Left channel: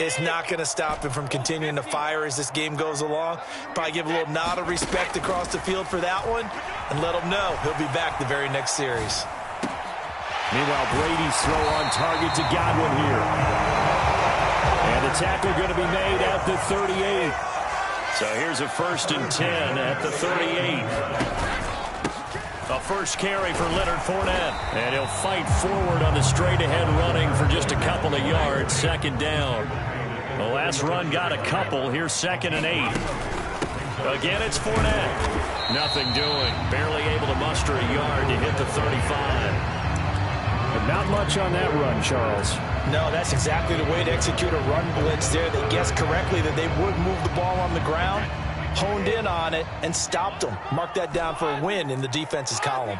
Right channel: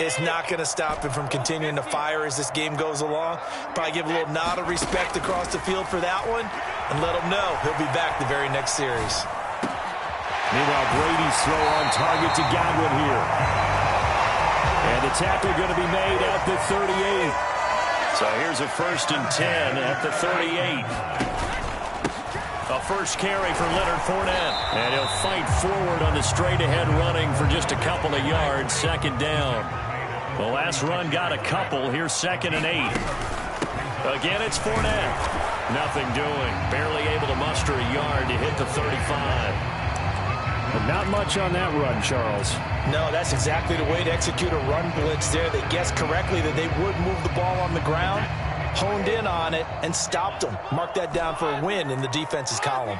It's not going to stop him from continuing to fire as this game goes along. Probably give a little nod of respect across the field for that one and let him know he'll be back the very next series. Meanwhile, Brady's throw on target to Godwin here. And the tackle going to be made at the 38. So here's a 1st and 10 at the 38. A first carry for Leonard Fournette. And he'll fight forward on the straight-ahead running for just a couple of yards. 2nd down. The last run got a couple. Here's 2nd and 8. Again, it's Fournette. Nothing doing. Barely able to muster a yard to hit the 35. But not much on that run, Charles. No, that's exactly the way to execute a run blitz there. They guessed correctly that they would move the ball on the ground, honed in on it, and stopped them. Mark that down for a win in the defense's column.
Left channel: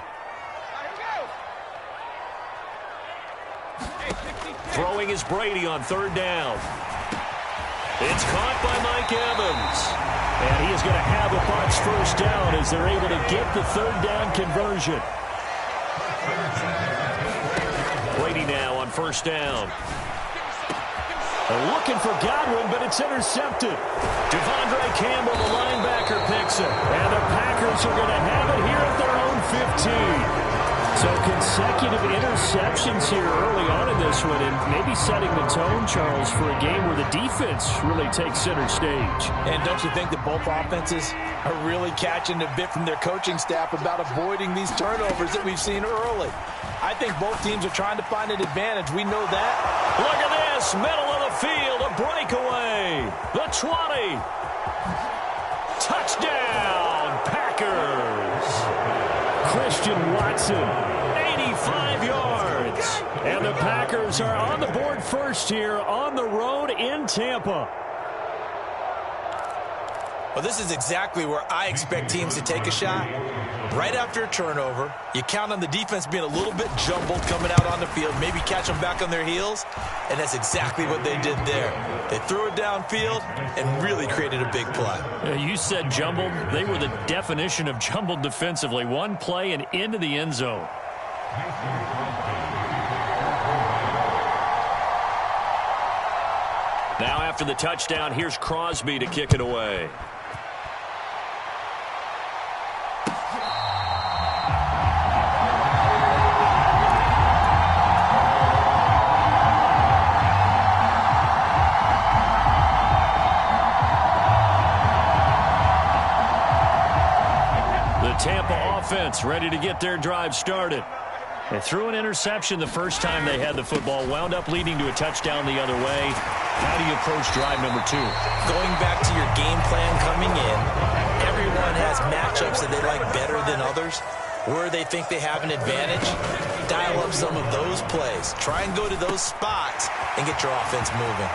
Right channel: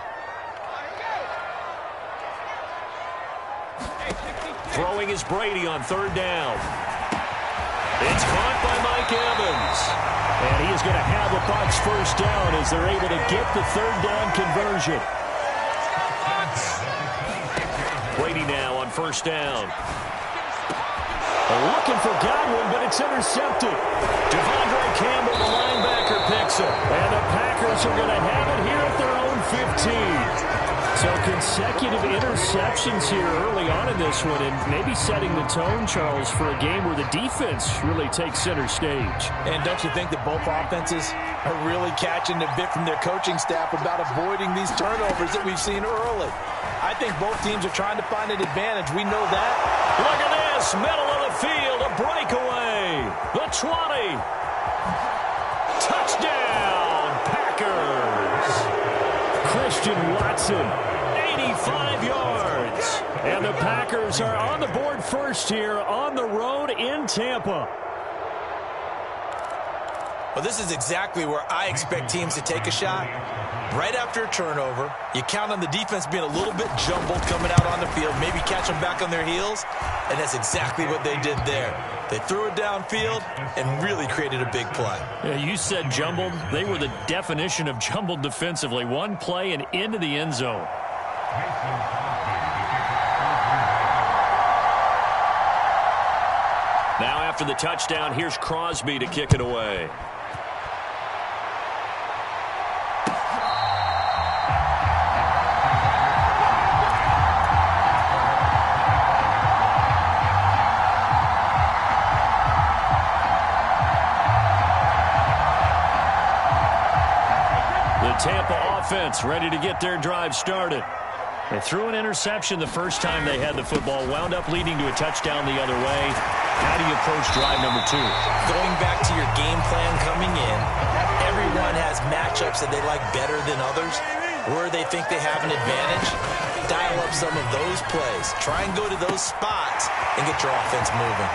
Throwing is Brady on 3rd down. It's caught by Mike Evans. And he is going to have a Bucs 1st down as they're able to get the 3rd down conversion. Brady now on 1st down. They're looking for Godwin, but it's intercepted. Devondre Campbell, the linebacker, picks it. And the Packers are going to have it here at their own 15. So consecutive interceptions here early on in this one, and maybe setting the tone, Charles, for a game where the defense really takes center stage. And don't you think that both offenses are really catching a bit from their coaching staff about avoiding these turnovers that we've seen early? I think both teams are trying to find an advantage. We know that. Look at this. Middle of the field. A breakaway. The 20. Touchdown, Packers. Christian Watson, 85 yards. And the Packers are on the board first here on the road in Tampa. Well, this is exactly where I expect teams to take a shot. Right after a turnover, you count on the defense being a little bit jumbled coming out on the field, maybe catch them back on their heels, and that's exactly what they did there. They threw it downfield and really created a big play. Yeah, you said jumbled. They were the definition of jumbled defensively. One play and into the end zone. Now after the touchdown, here's Crosby to kick it away. Tampa offense ready to get their drive started. They threw an interception the first time they had the football, wound up leading to a touchdown the other way. How do you approach drive number 2? Going back to your game plan coming in, everyone has matchups that they like better than others, where they think they have an advantage. Dial up some of those plays. Try and go to those spots and get your offense moving.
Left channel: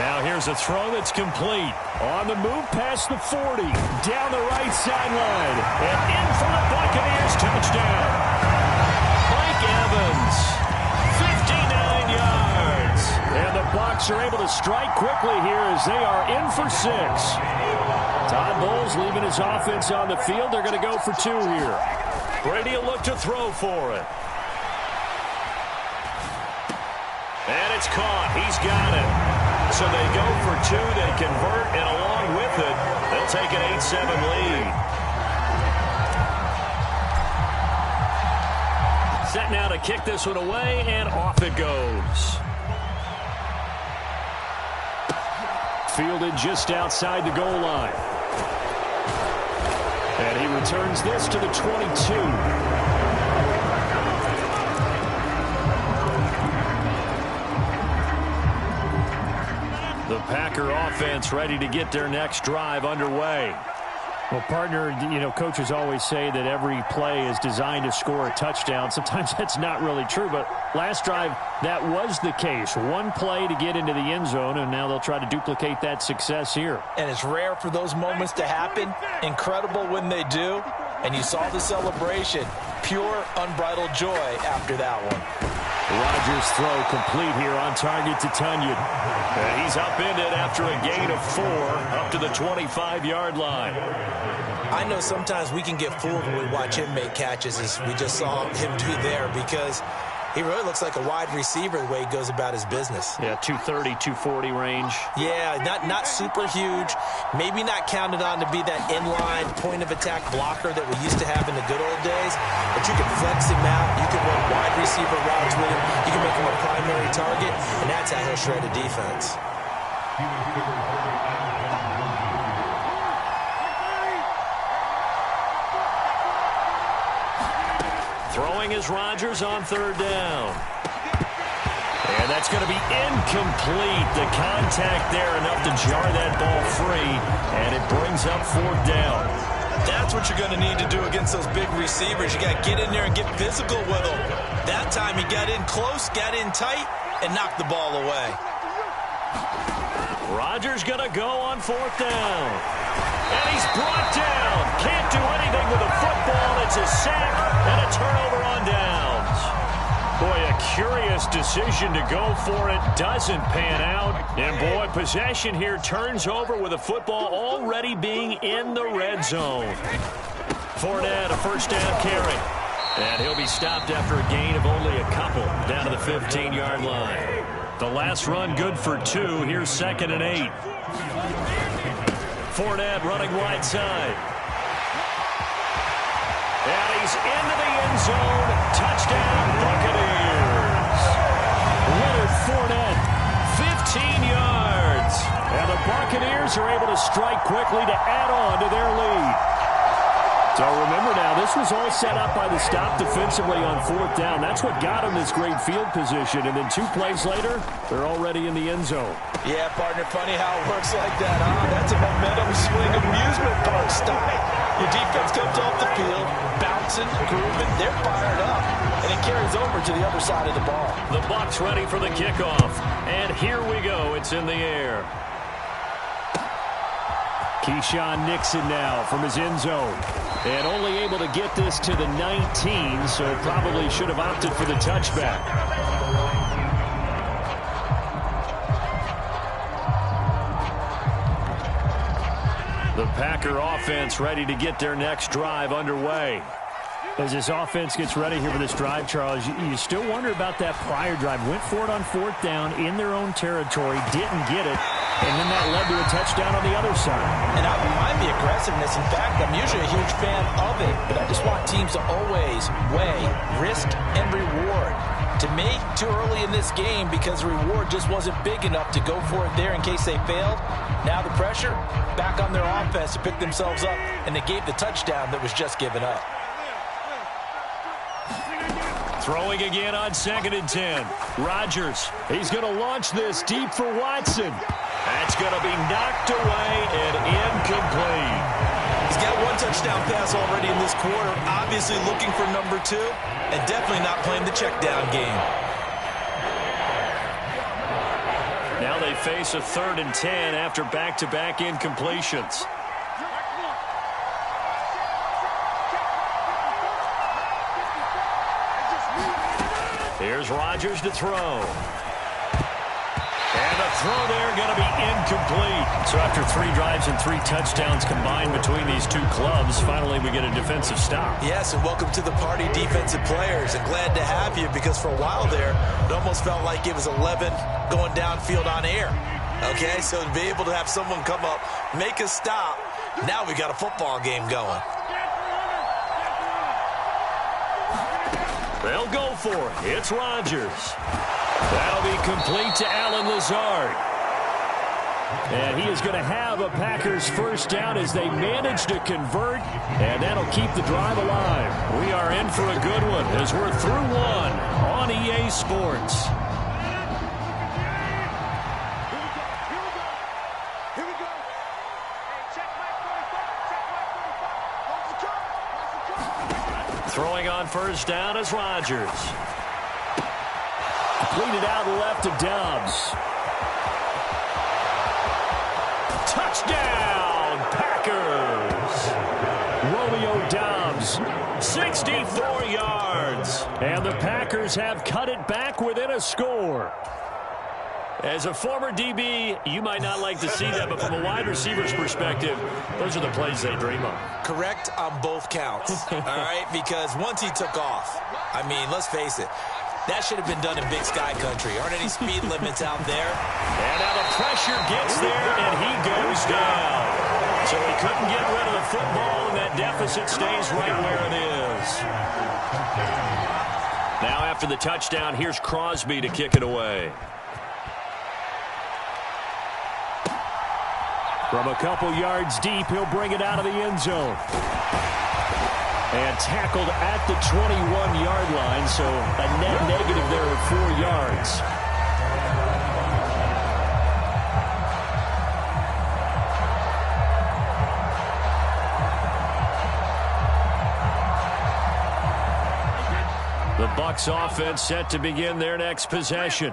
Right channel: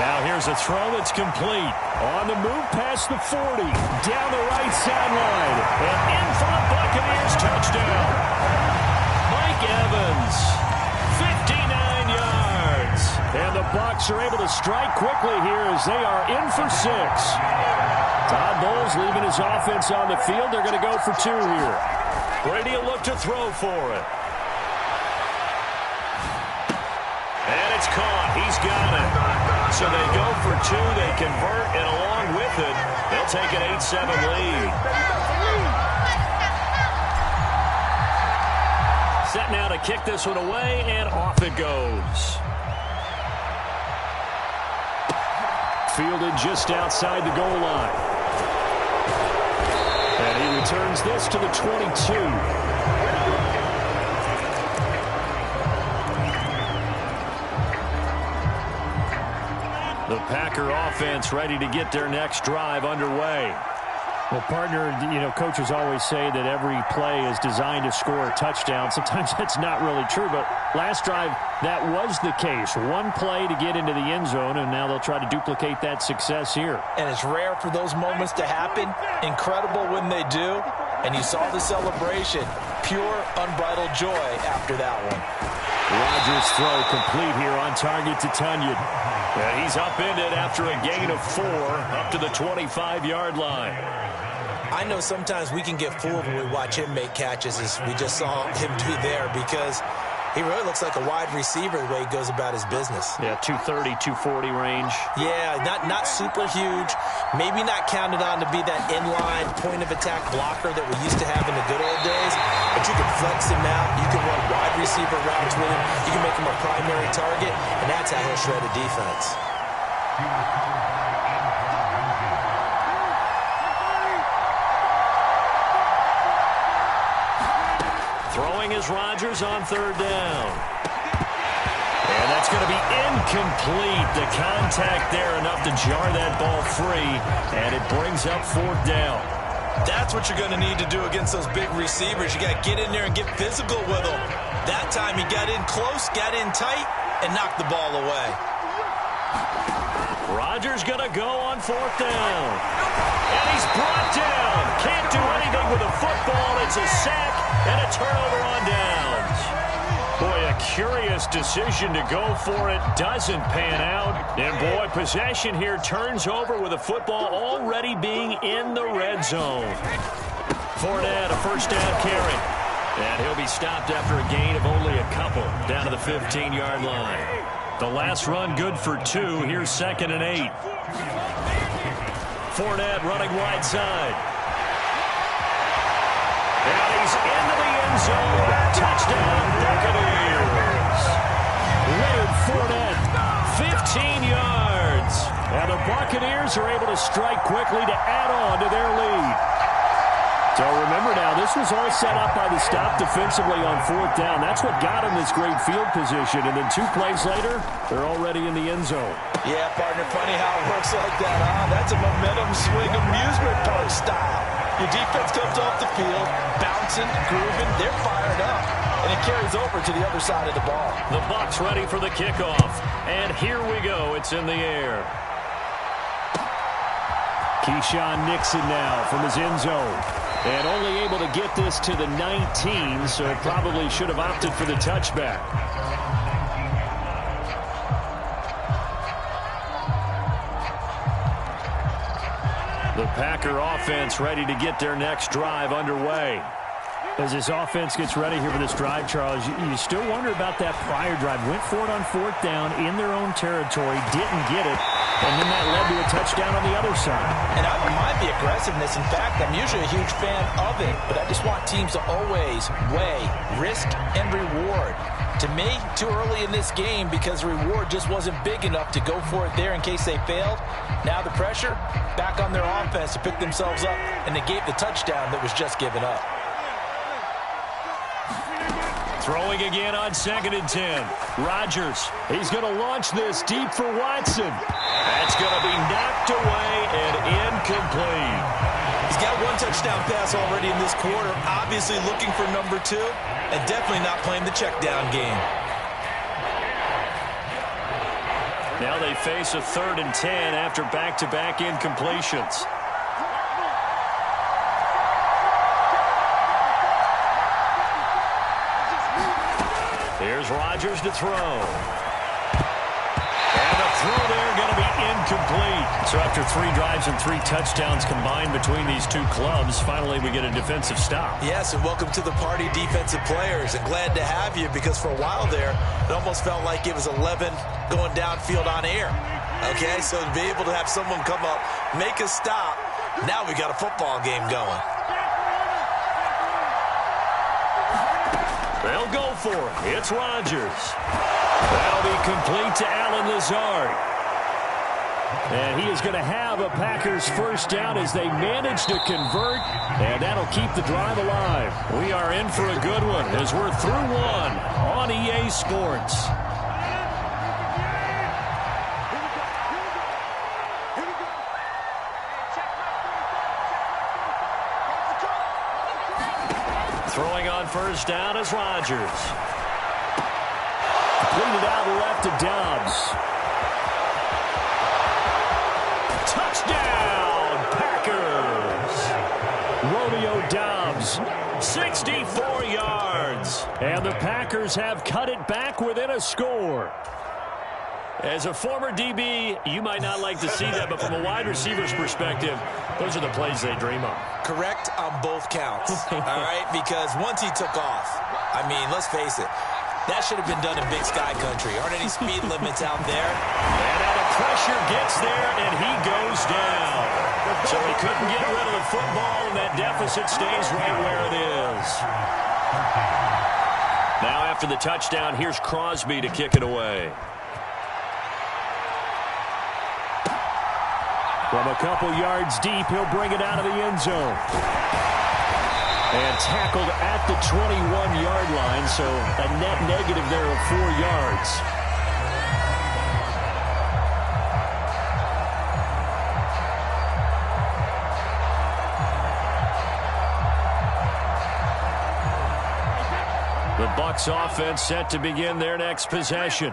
Now here's a throw that's complete. On the move past the 40. Down the right sideline. And in for the Buccaneers touchdown. Mike Evans. 59 yards. And the Bucs are able to strike quickly here as they are in for 6. Todd Bowles leaving his offense on the field. They're going to go for 2 here. Brady will look to throw for it. And it's caught. He's got it. So they go for 2, they convert, and along with it, they'll take an 8-7 lead. Set now to kick this one away, and off it goes. Fielded just outside the goal line. And he returns this to the 22. The Packer offense ready to get their next drive underway. Well, partner, coaches always say that every play is designed to score a touchdown. Sometimes that's not really true, but last drive, that was the case. One play to get into the end zone, and now they'll try to duplicate that success here. And it's rare for those moments to happen. Incredible when they do. And you saw the celebration. Pure, unbridled joy after that one. Rodgers' throw complete here on target to Tunyon. And he's upended after a gain of 4 up to the 25-yard line. I know sometimes we can get fooled when we watch him make catches as we just saw him do there because He really looks like a wide receiver the way he goes about his business. Yeah, 230, 240 range. Yeah, not super huge. Maybe not counted on to be that inline point-of-attack blocker that we used to have in the good old days. But you can flex him out. You can run wide receiver routes with him. You can make him a primary target, and that's how he'll shred a defense. Throwing is Rodgers on third down. And that's going to be incomplete. The contact there enough to jar that ball free, and it brings up fourth down. That's what you're going to need to do against those big receivers. You got to get in there and get physical with them. That time he got in close, got in tight, and knocked the ball away. Rodgers going to go on fourth down. And he's brought down. Can't do anything with a football. It's a sack and a turnover on downs. Boy, a curious decision to go for it. Doesn't pan out. And, boy, possession here turns over with a football already being in the red zone. Fournette, a first down carry. And he'll be stopped after a gain of only a couple down to the 15-yard line. The last run good for 2. Here's 2nd and 8. Fournette running wide side. And he's into the end zone. Touchdown, Buccaneers. Leonard Fournette, 15 yards. And the Buccaneers are able to strike quickly to add on to their lead. So remember now, this was all set up by the stop defensively on fourth down. That's what got them this great field position. And then 2 plays later, they're already in the end zone. Yeah, partner, funny how it works like that, huh? That's a momentum swing amusement park style. Your defense comes off the field, bouncing, grooving, they're fired up, and it carries over to the other side of the ball. The Bucs ready for the kickoff. And here we go. It's in the air. Keyshawn Nixon now from his end zone. And only able to get this to the 19, so probably should have opted for the touchback. The Packer offense ready to get their next drive underway. As this offense gets ready here for this drive, Charles, you still wonder about that prior drive. Went for it on fourth down in their own territory, didn't get it, and then that led to a touchdown on the other side. And I don't mind the aggressiveness. In fact, I'm usually a huge fan of it, but I just want teams to always weigh risk and reward. To me, too early in this game because the reward just wasn't big enough to go for it there in case they failed. Now the pressure back on their offense to pick themselves up and negate the touchdown that was just given up. Throwing again on 2nd and 10. Rodgers, he's going to launch this deep for Watson. That's going to be knocked away and incomplete. He's got 1 touchdown pass already in this quarter, obviously looking for number 2, and definitely not playing the check down game. Now they face a 3rd and 10 after back-to-back incompletions. Here's Rodgers to throw. And the throw there going to be incomplete. So after 3 drives and 3 touchdowns combined between these 2 clubs, finally we get a defensive stop. Yes, and welcome to the party, defensive players. And glad to have you because for a while there, it almost felt like it was 11 going downfield on air. Okay, so to be able to have someone come up, make a stop, now we got a football game going. They'll go for it. It's Rodgers. That'll be complete to Allen Lazard. And he is going to have a Packers first down as they manage to convert, and that'll keep the drive alive. We are in for a good one as we're through 1 on EA Sports. Throwing on first down is Rodgers. Completed out left to Dobbs. Touchdown, Packers. Romeo Dobbs, 64 yards. And the Packers have cut it back within a score. As a former DB, you might not like to see that, but from a wide receiver's perspective, those are the plays they dream of. Correct on both counts, all right? Because once he took off, I mean, let's face it, That should have been done in Big Sky country. Aren't any speed limits out there? And now the pressure gets there, and he goes down. So he couldn't get rid of the football, and that deficit stays right where it is. Now after the touchdown, here's Crosby to kick it away. From a couple yards deep, he'll bring it out of the end zone. And tackled at the 21-yard line, so a net negative there of 4 yards. The Bucs offense set to begin their next possession.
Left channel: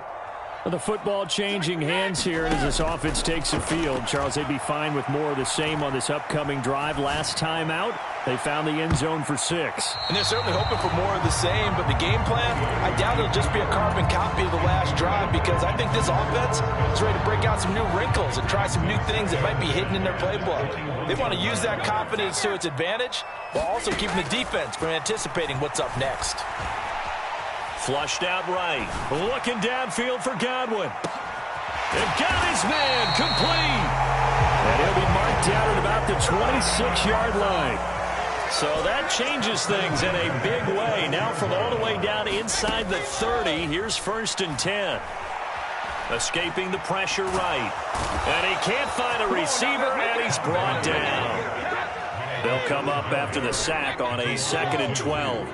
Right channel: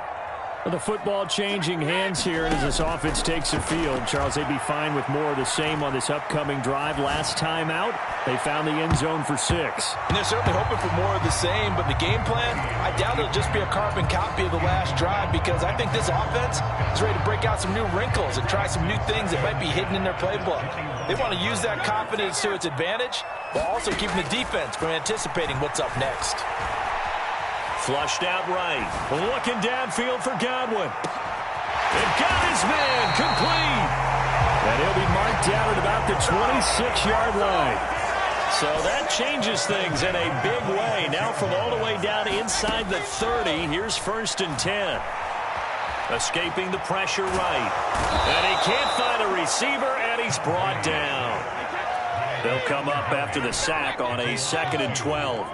The football changing hands here, and as this offense takes the field, Charles, they'd be fine with more of the same on this upcoming drive. Last time out, they found the end zone for 6. And they're certainly hoping for more of the same, but the game plan, I doubt it'll just be a carbon copy of the last drive, because I think this offense is ready to break out some new wrinkles and try some new things that might be hidden in their playbook. They want to use that confidence to its advantage, while also keeping the defense from anticipating what's up next. Flushed out right. Looking downfield for Godwin. They've got his man complete. And he'll be marked down at about the 26-yard line. So that changes things in a big way. Now from all the way down inside the 30, here's 1st and 10. Escaping the pressure right. And he can't find a receiver, and he's brought down. They'll come up after the sack on a 2nd and 12.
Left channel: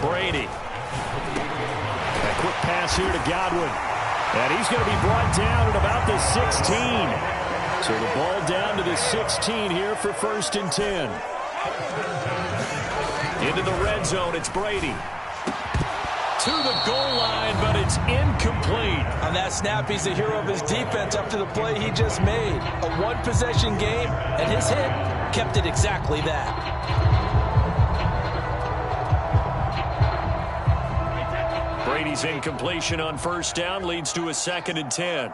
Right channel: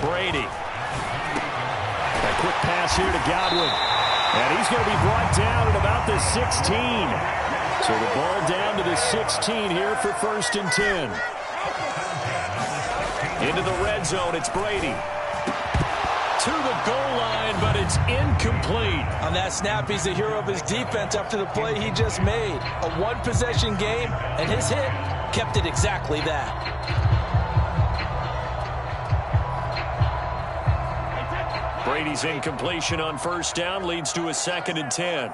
Brady. A quick pass here to Godwin. And he's going to be brought down at about the 16. So the ball down to the 16 here for 1st and 10. Into the red zone, it's Brady. To the goal line, but it's incomplete. On that snap, he's the hero of his defense after the play he just made. A one-possession game, and his hit kept it exactly that. Brady's incompletion on 1st down leads to a 2nd and 10.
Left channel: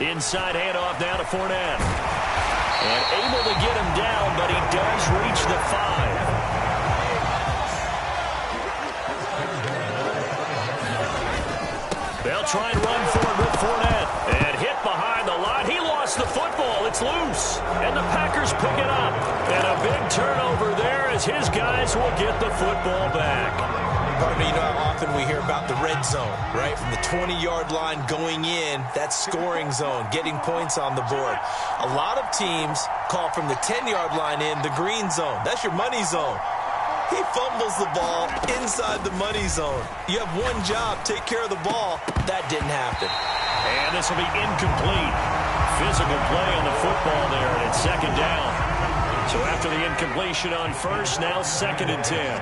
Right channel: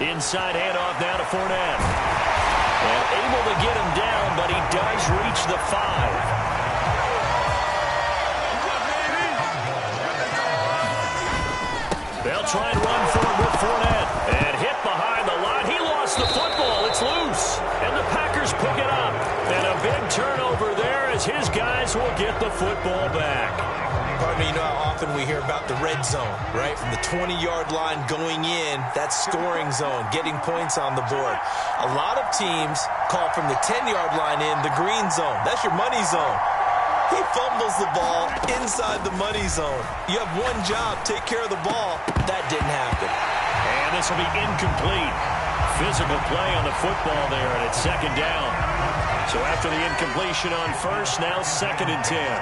Inside handoff now to Fournette. And able to get him down, but he does reach the 5. They'll try and run forward with Fournette. And hit behind the line. He lost the football. It's loose. And the Packers pick it up. And a big turnover there as his guys will get the football back. Pardon me, you know how often we hear about the red zone, right? From the 20-yard line going in, that's scoring zone, getting points on the board. A lot of teams call from the 10-yard line in the green zone. That's your money zone. He fumbles the ball inside the money zone. You have one job, take care of the ball. That didn't happen. And this will be incomplete. Physical play on the football there, and it's 2nd down. So after the incompletion on 1st, now 2nd and 10.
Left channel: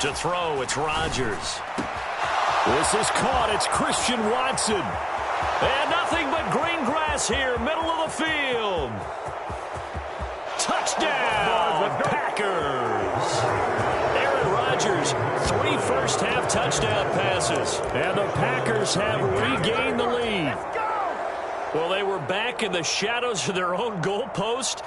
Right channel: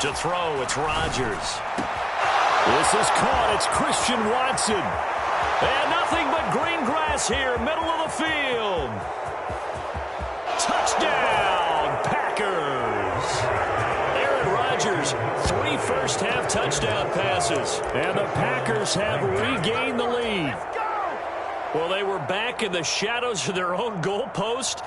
To throw, it's Rodgers. This is caught. It's Christian Watson. And nothing but green grass here, middle of the field. Touchdown, Packers. Aaron Rodgers, 3 first-half touchdown passes. And the Packers have regained the lead. Well, they were back in the shadows of their own goalpost,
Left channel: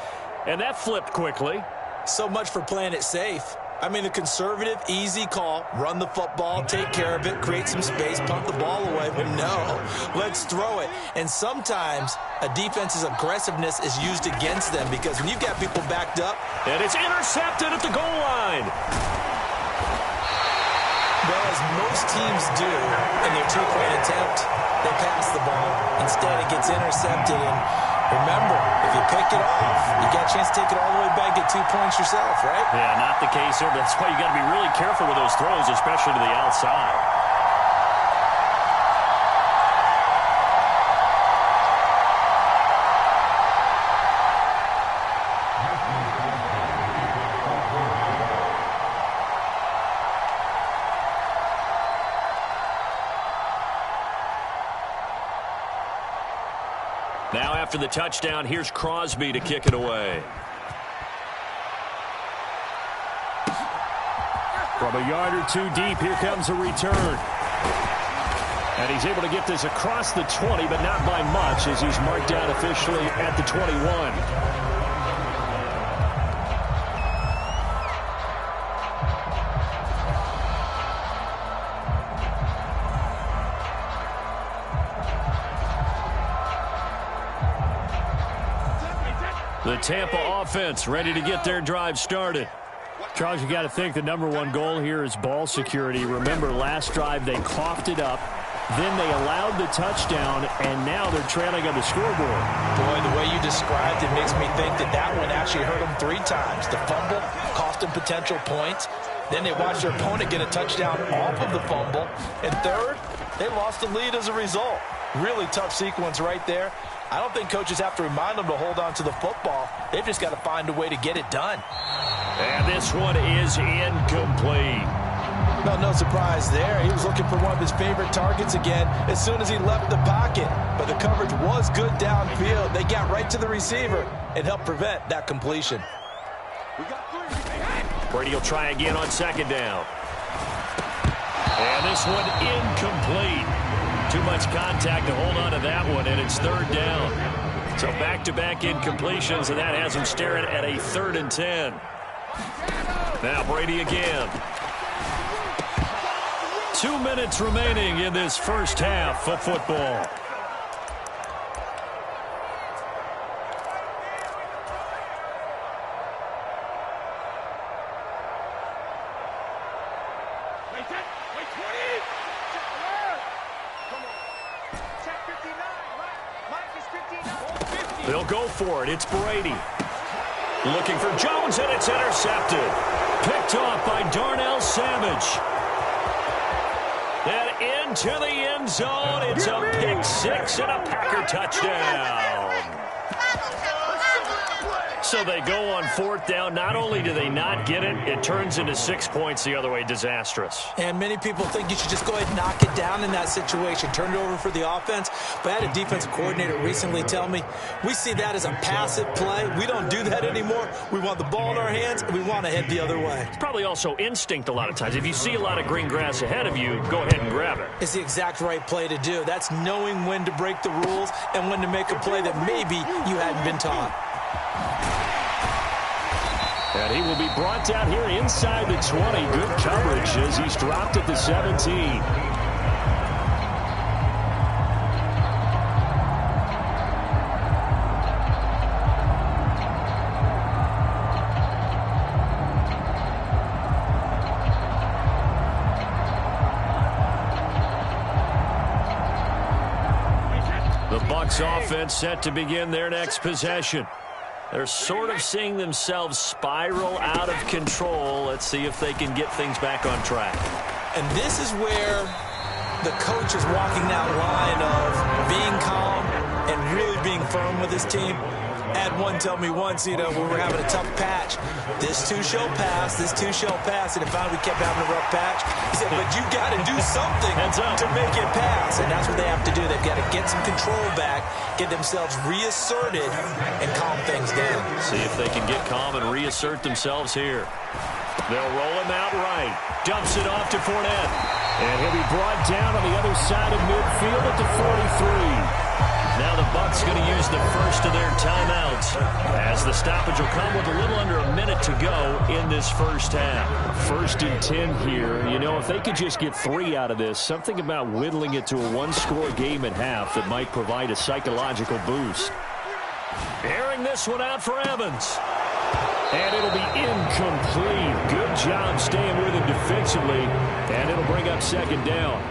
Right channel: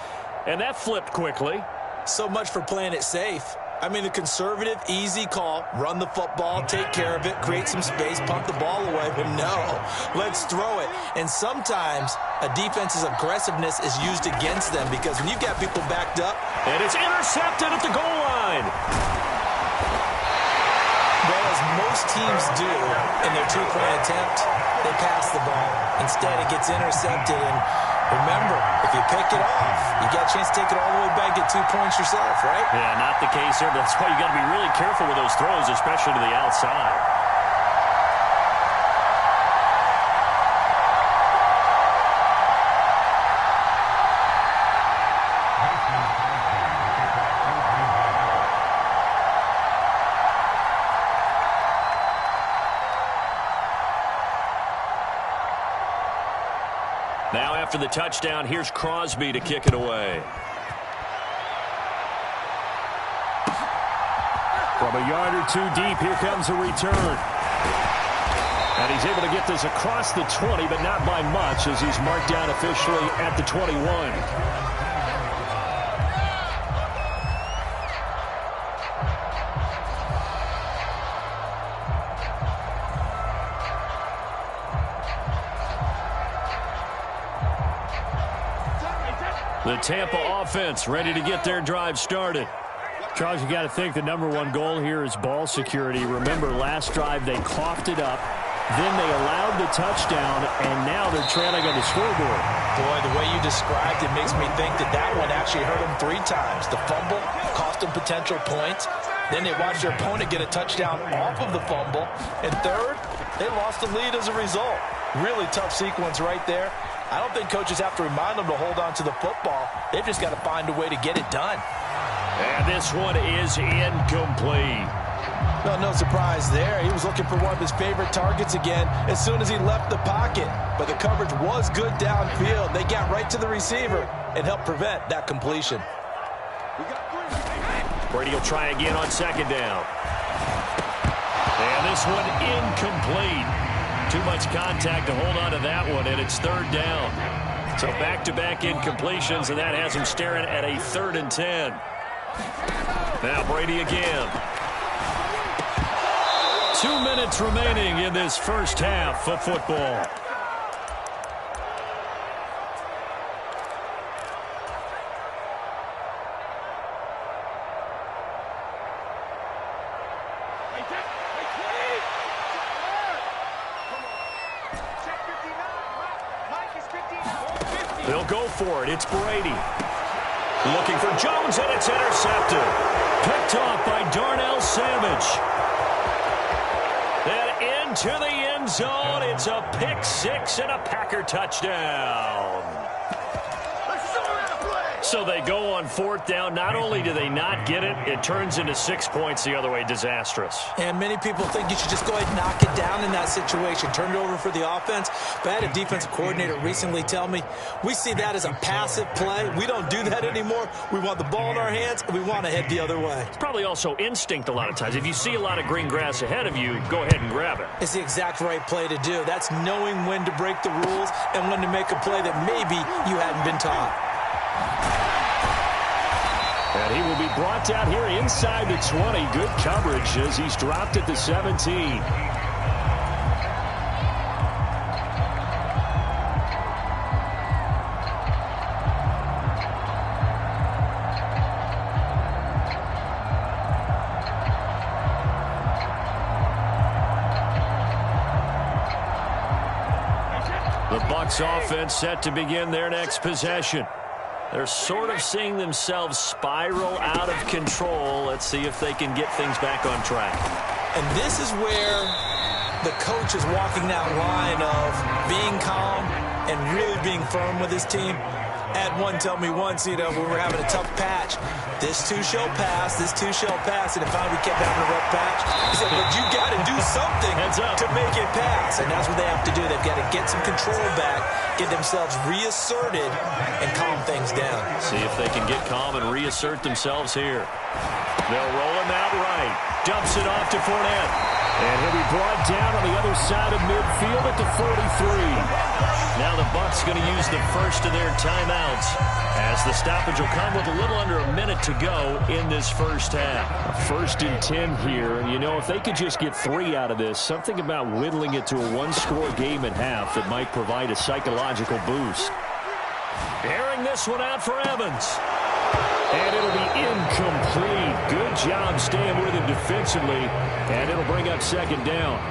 and that flipped quickly. So much for playing it safe. I mean, the conservative, easy call, run the football, take care of it, create some space, punt the ball away. But no, let's throw it. And sometimes a defense's aggressiveness is used against them because when you've got people backed up. And it's intercepted at the goal line. Well, as most teams do in their two-point attempt, they pass the ball. Instead, it gets intercepted. And remember, if you pick it off, you got a chance to take it all the way back, get 2 points yourself, right? Yeah, not the case here, but that's why you got to be really careful with those throws, especially to the outside. Now after the touchdown, here's Crosby to kick it away. From a yard or two deep, here comes a return. And he's able to get this across the 20, but not by much, as he's marked down officially at the 21. The Tampa offense ready to get their drive started. Charles, you got to think the #1 goal here is ball security. Remember, last drive they coughed it up, then they allowed the touchdown, and now they're trailing on the scoreboard. Boy, the way you described it makes me think that that one actually hurt them 3 times. The fumble cost them potential points. Then they watched their opponent get a touchdown off of the fumble. And third, they lost the lead as a result. Really tough sequence right there. I don't think coaches have to remind them to hold on to the football. They've just got to find a way to get it done. And this one is incomplete. No surprise there. He was looking for one of his favorite targets again as soon as he left the pocket. But the coverage was good downfield. They got right to the receiver and helped prevent that completion. Brady will try again on 2nd down. And this one incomplete. Too much contact to hold on to that one, and it's 3rd down. So back-to-back incompletions, and that has him staring at a 3rd and 10. Now Brady again. 2 minutes remaining in this first half of football. They'll go for it. It's Brady. Looking for Jones, and it's intercepted. Picked off by Darnell Savage. Then into the end zone. It's a pick 6 and a Packer touchdown. So they go on 4th down. Not only do they not get it, it turns into 6 points the other way. Disastrous. And many people think you should just go ahead and knock it down in that situation. Turn it over for the offense. But I had a defensive coordinator recently tell me, we see that as a passive play. We don't do that anymore. We want the ball in our hands, and we want to head the other way. It's probably also instinct a lot of times. If you see a lot of green grass ahead of you, go ahead and grab it. It's the exact right play to do. That's knowing when to break the rules and when to make a play that maybe you hadn't been taught. And he will be brought down here inside the 20. Good coverage as he's dropped at the 17. The Bucs offense set to begin their next possession. They're sort of seeing themselves spiral out of control. Let's see if they can get things back on track. And this is where the coach is walking that line of being calm and really being firm with his team. I had one tell me once, when we were having a tough patch, this too shall pass, this too shall pass. And finally we kept having a rough patch. He said, but you got to do something to make it pass. And that's what they have to do. They've got to get some control back, get themselves reasserted, and calm things down. See if they can get calm and reassert themselves here. They'll roll him out right. Dumps it off to Fournette. And he'll be brought down on the other side of midfield at the 43. Now the Bucs going to use the first of their timeouts as the stoppage will come with a little under a minute to go in this first half. 1st and 10 here. If they could just get 3 out of this, something about whittling it to a 1-score game at half that might provide a psychological boost. Airing this one out for Evans. And it'll be incomplete. Good job staying with him defensively. And it'll bring up 2nd down.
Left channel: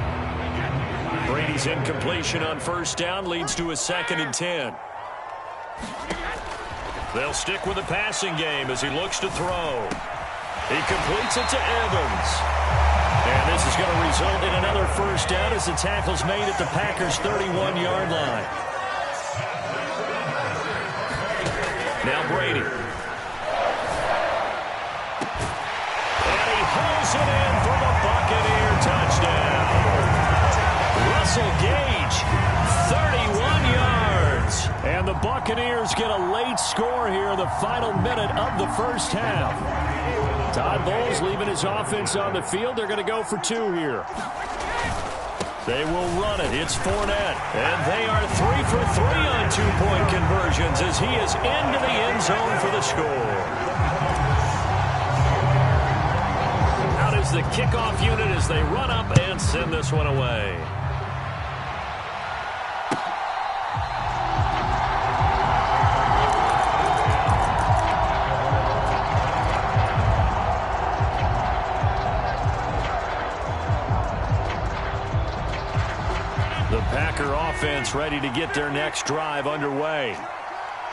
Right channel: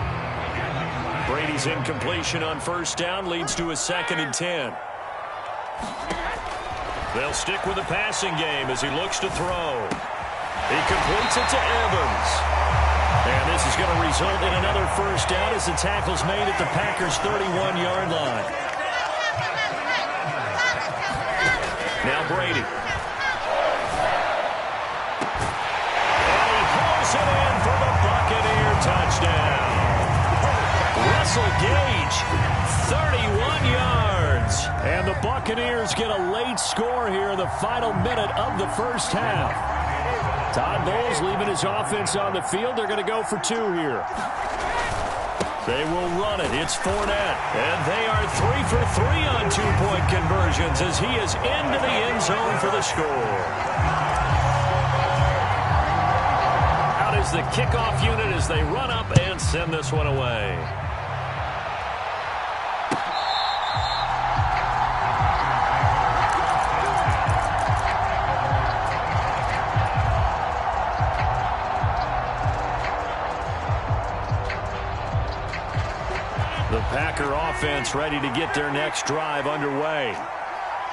Brady's incompletion on 1st down leads to a 2nd and 10. They'll stick with the passing game as he looks to throw. He completes it to Evans. And this is going to result in another 1st down as the tackle's made at the Packers' 31-yard line. Now Brady. And he hauls it in for the Buccaneer touchdown. Russell Gage, 31 yards. And the Buccaneers get a late score here in the final minute of the first half. Todd Bowles leaving his offense on the field. They're going to go for 2 here. They will run it. It's Fournette. And they are 3 for 3 on two-point conversions as he is into the end zone for the score. Out is the kickoff unit as they run up and send this one away. The Packer offense ready to get their next drive underway.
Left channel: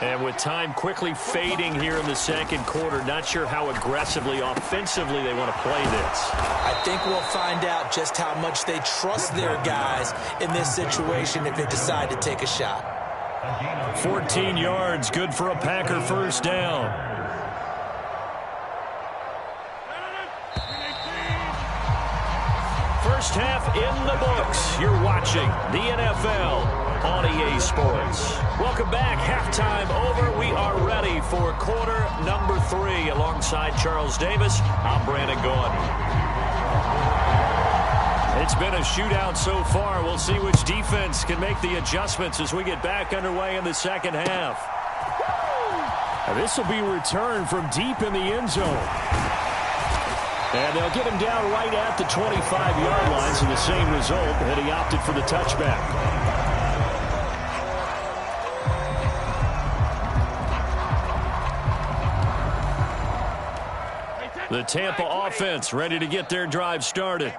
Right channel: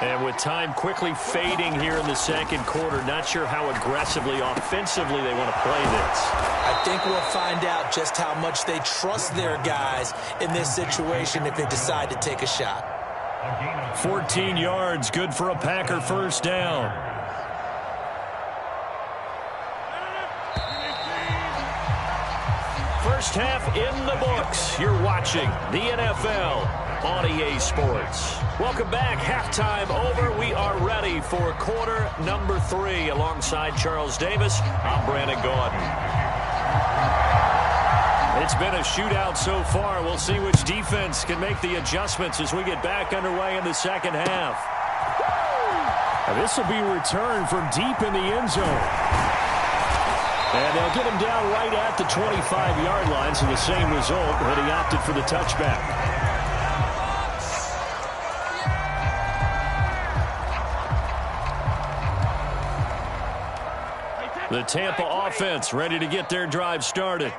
And with time quickly fading here in the second quarter, not sure how aggressively, offensively they want to play this. I think we'll find out just how much they trust their guys in this situation if they decide to take a shot. 14 yards, good for a Packer first down. First half in the books. You're watching the NFL on EA Sports. Welcome back. Halftime over. We are ready for quarter number 3. Alongside Charles Davis, I'm Brandon Gaudin. It's been a shootout so far. We'll see which defense can make the adjustments as we get back underway in the second half. This will be returned from deep in the end zone. And they'll get him down right at the 25-yard line, so the same result, but he opted for the touchback. The Tampa offense ready to get their drive started.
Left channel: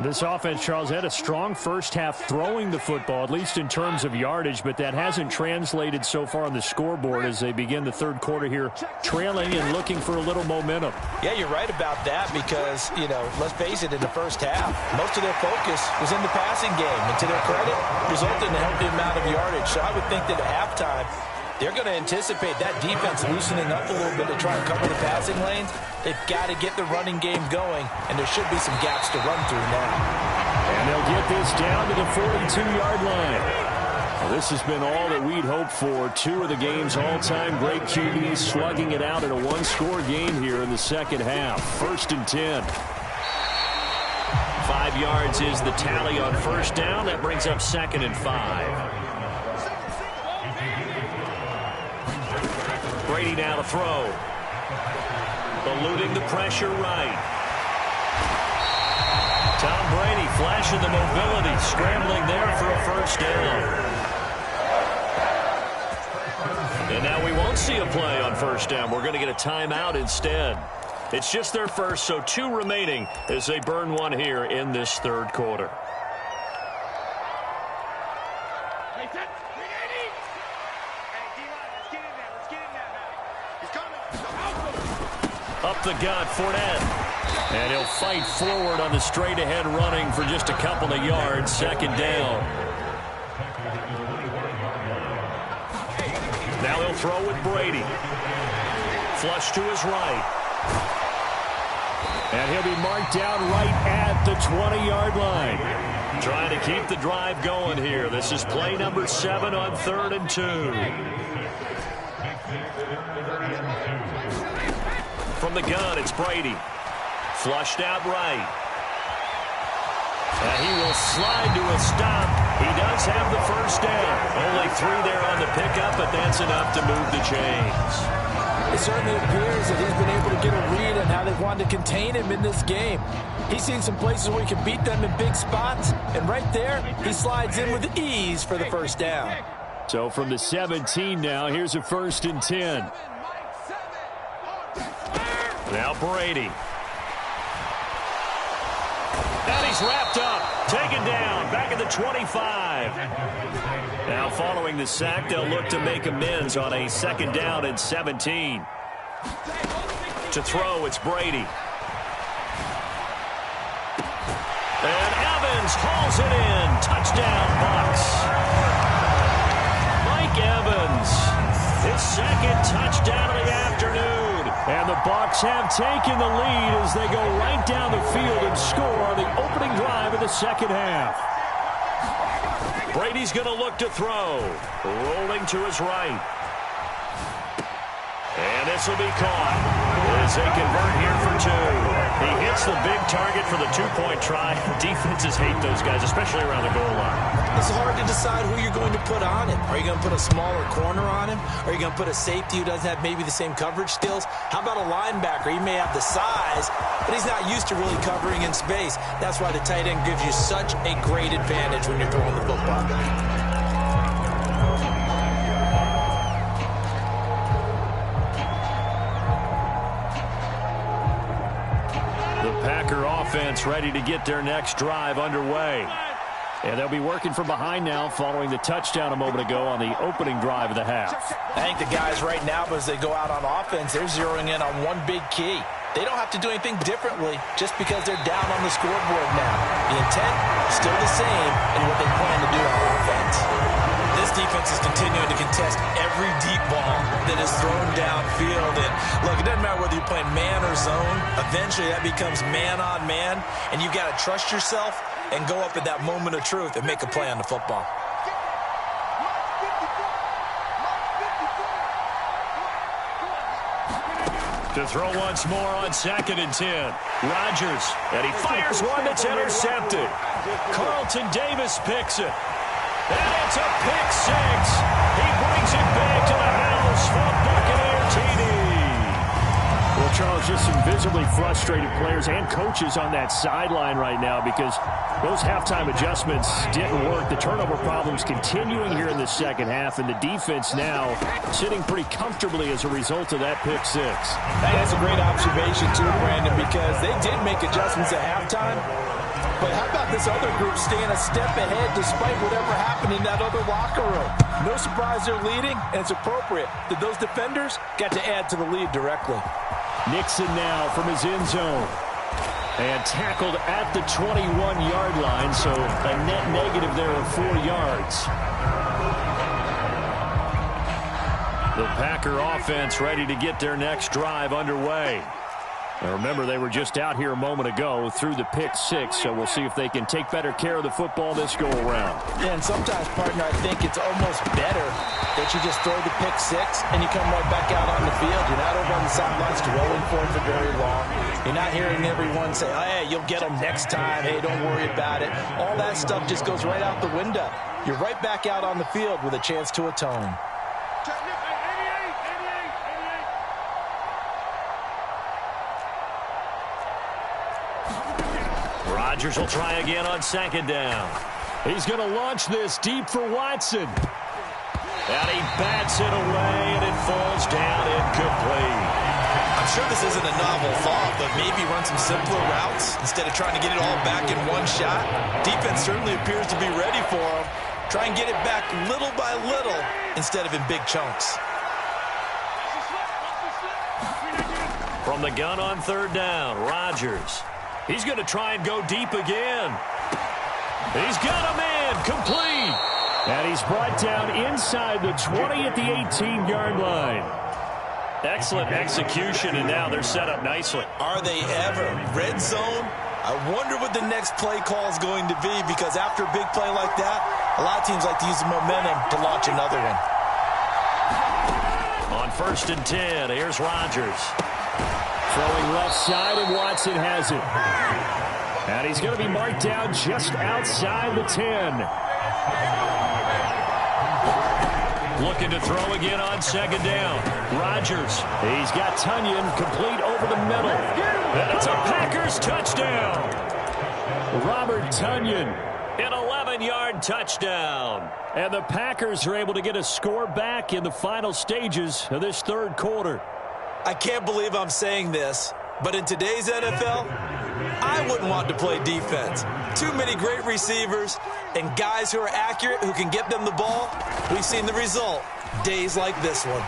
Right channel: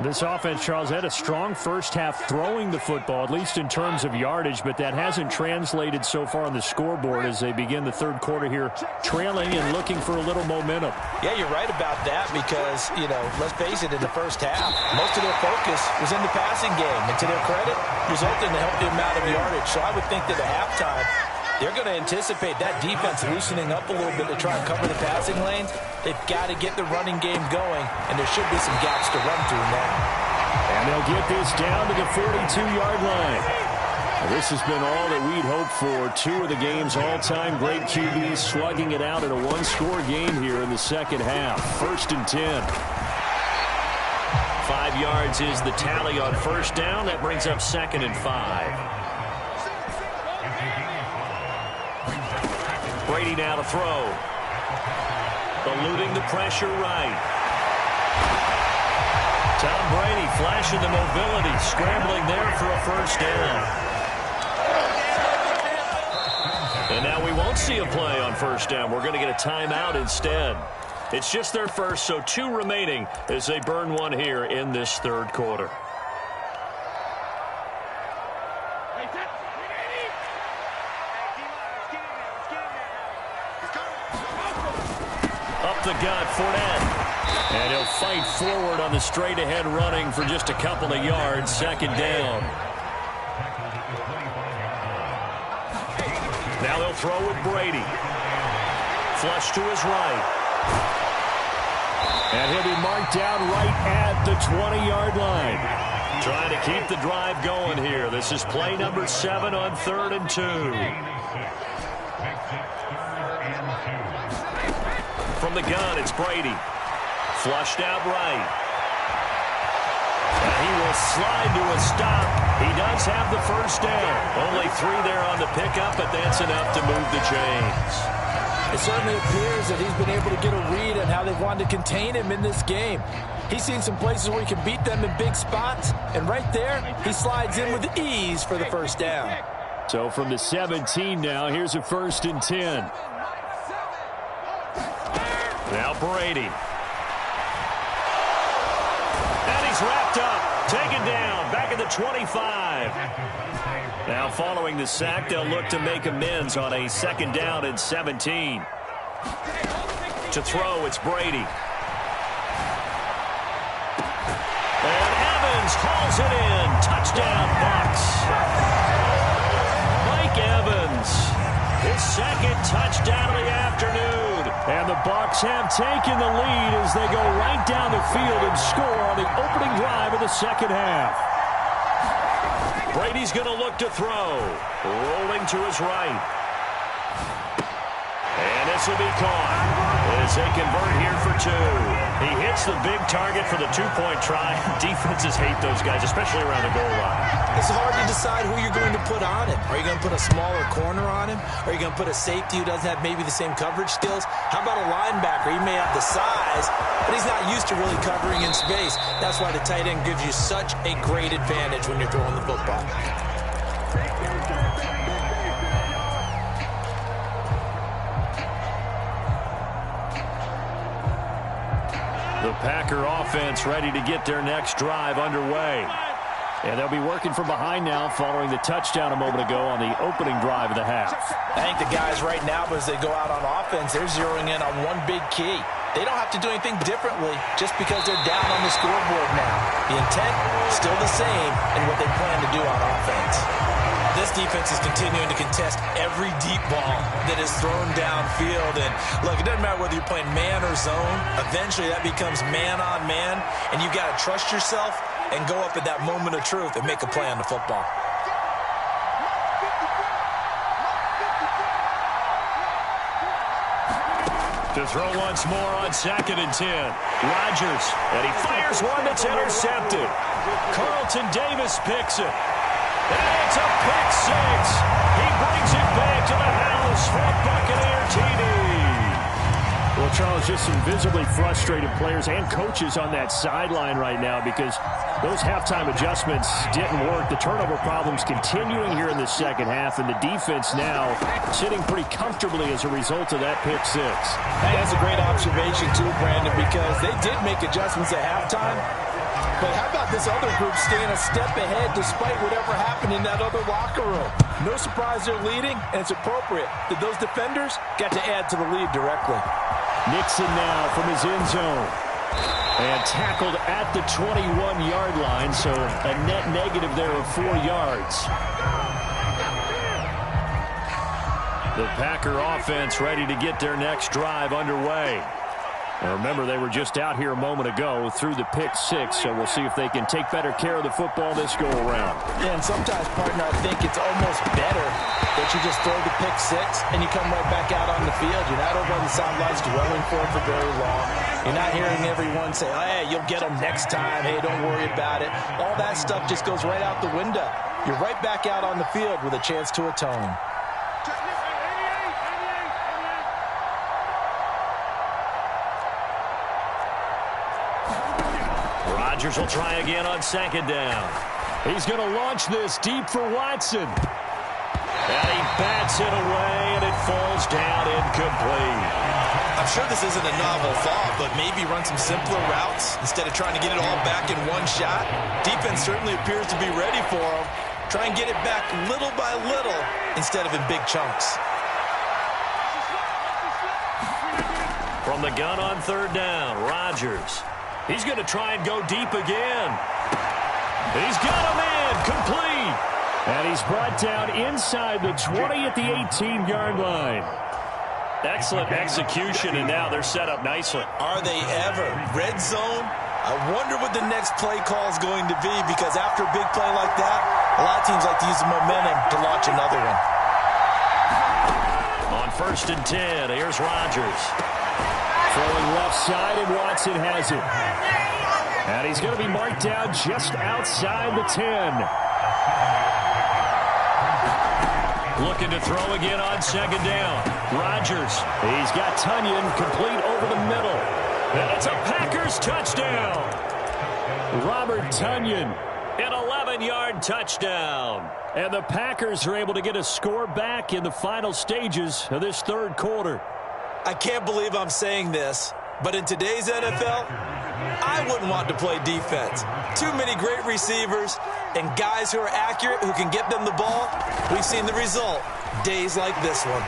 This offense, Charles, had a strong first half throwing the football, at least in terms of yardage, but that hasn't translated so far on the scoreboard as they begin the third quarter here, trailing and looking for a little momentum. Yeah, you're right about that because, let's face it, in the first half, most of their focus was in the passing game, and to their credit, resulted in a healthy amount of yardage. So I would think that at halftime, they're going to anticipate that defense loosening up a little bit to try and cover the passing lanes. They've got to get the running game going, and there should be some gaps to run through now. And they'll get this down to the 42-yard line. Well, this has been all that we'd hoped for. 2 of the game's all-time great QBs slugging it out in a one-score game here in the second half. 1st and 10. 5 yards is the tally on first down. That brings up 2nd and 5. Brady now to throw. Eluding the pressure right. Tom Brady flashing the mobility, scrambling there for a first down. And now we won't see a play on first down. We're going to get a timeout instead. It's just their first, so 2 remaining as they burn one here in this third quarter. Up the gut, Fournette. And he'll fight forward on the straight-ahead running for just a couple of yards. 2nd down. Now they'll throw with Brady. Flush to his right. And he'll be marked down right at the 20-yard line. Trying to keep the drive going here. This is play number 7 on 3rd and 2. From the gun, it's Brady. Flushed out right. And he will slide to a stop. He does have the first down. Only 3 there on the pickup, but that's enough to move the chains. It certainly appears that he's been able to get a read on how they've wanted to contain him in this game. He's seen some places where he can beat them in big spots, and right there, he slides in with ease for the first down. So from the 17 now, here's a 1st and 10. Now Brady. And he's wrapped up. Taken down. Back at the 25. Now following the sack, they'll look to make amends on a 2nd down and 17. To throw, it's Brady. And Evans hauls it in. Touchdown, Bucs. Mike Evans. His 2nd touchdown of the afternoon. And the Bucs have taken the lead as they go right down the field and score on the opening drive of the second half. Brady's going to look to throw. Rolling to his right. And this will be caught. As they convert here for two. He hits the big target for the two-point try. Defenses hate those guys, especially around the goal line. It's hard to decide who you're going to put on him. Are you going to put a smaller corner on him? Are you going to put a safety who doesn't have maybe the same coverage skills? How about a linebacker? He may have the size, but he's not used to really covering in space. That's why the tight end gives you such a great advantage when you're throwing the football. The Packer offense ready to get their next drive underway. And they'll be working from behind now following the touchdown a moment ago on the opening drive of the half. I think the guys right now, as they go out on offense, they're zeroing in on one big key. They don't have to do anything differently just because they're down on the scoreboard now. The intent is still the same in what they plan to do on offense. This defense is continuing to contest every deep ball that is thrown downfield. And look, it doesn't matter whether you're playing man or zone. Eventually that becomes man on man, and you've got to trust yourself and go up at that moment of truth and make a play on the football. To throw once more on 2nd and 10. Rodgers, and he fires one that's intercepted. Carlton Davis picks it. And it's a pick six. He brings it back to the house for a Buccaneer TD. Well, Charles, just some visibly frustrated players and coaches on that sideline right now because those halftime adjustments didn't work. The turnover problems continuing here in the second half, and the defense now sitting pretty comfortably as a result of that pick six. Hey, that's a great observation too, Brandon, because they did make adjustments at halftime. But how about this other group staying a step ahead despite whatever happened in that other locker room? No surprise they're leading, and it's appropriate that those defenders got to add to the lead directly. Nixon now from his end zone. And tackled at the 21-yard line, so a net negative there of 4 yards. The Packer offense ready to get their next drive underway. Now remember, they were just out here a moment ago through the pick six, so we'll see if they can take better care of the football this go-around. Yeah, and sometimes, partner, I think it's almost better that you just throw the pick six and you come right back out on the field. You're not over on the sidelines dwelling for it for very long. You're not hearing everyone say, oh, hey, you'll get them next time. Hey, don't worry about it. All that stuff just goes right out the window. You're right back out on the field with a chance to atone. Rodgers will try again on 2nd down. He's going to launch this deep for Watson. And he bats it away, and it falls down incomplete. I'm sure this isn't a novel thought, but maybe run some simpler routes instead of trying to get it all back in one shot. Defense certainly appears to be ready for him. Try and get it back little by little instead of in big chunks. From the gun on 3rd down, Rodgers. He's going to try and go deep again. He's got a man, complete. And he's brought down inside the 20 at the 18-yard line. Excellent execution, and now they're set up nicely. Are they ever? Red zone? I wonder what the next play call is going to be, because after a big play like that, a lot of teams like to use the momentum to launch another one. On 1st and 10, here's Rodgers. Throwing left side, and Watson has it. And he's going to be marked down just outside the 10. Looking to throw again on 2nd down. Rodgers. He's got Tonyan complete over the middle. And it's a Packers touchdown. Robert Tonyan, an 11-yard touchdown. And the Packers are able to get a score back in the final stages of this 3rd quarter. I can't believe I'm saying this, but in today's NFL, I wouldn't want to play defense. Too many great receivers and guys who are accurate, who can get them the ball. We've seen the result, days like this one.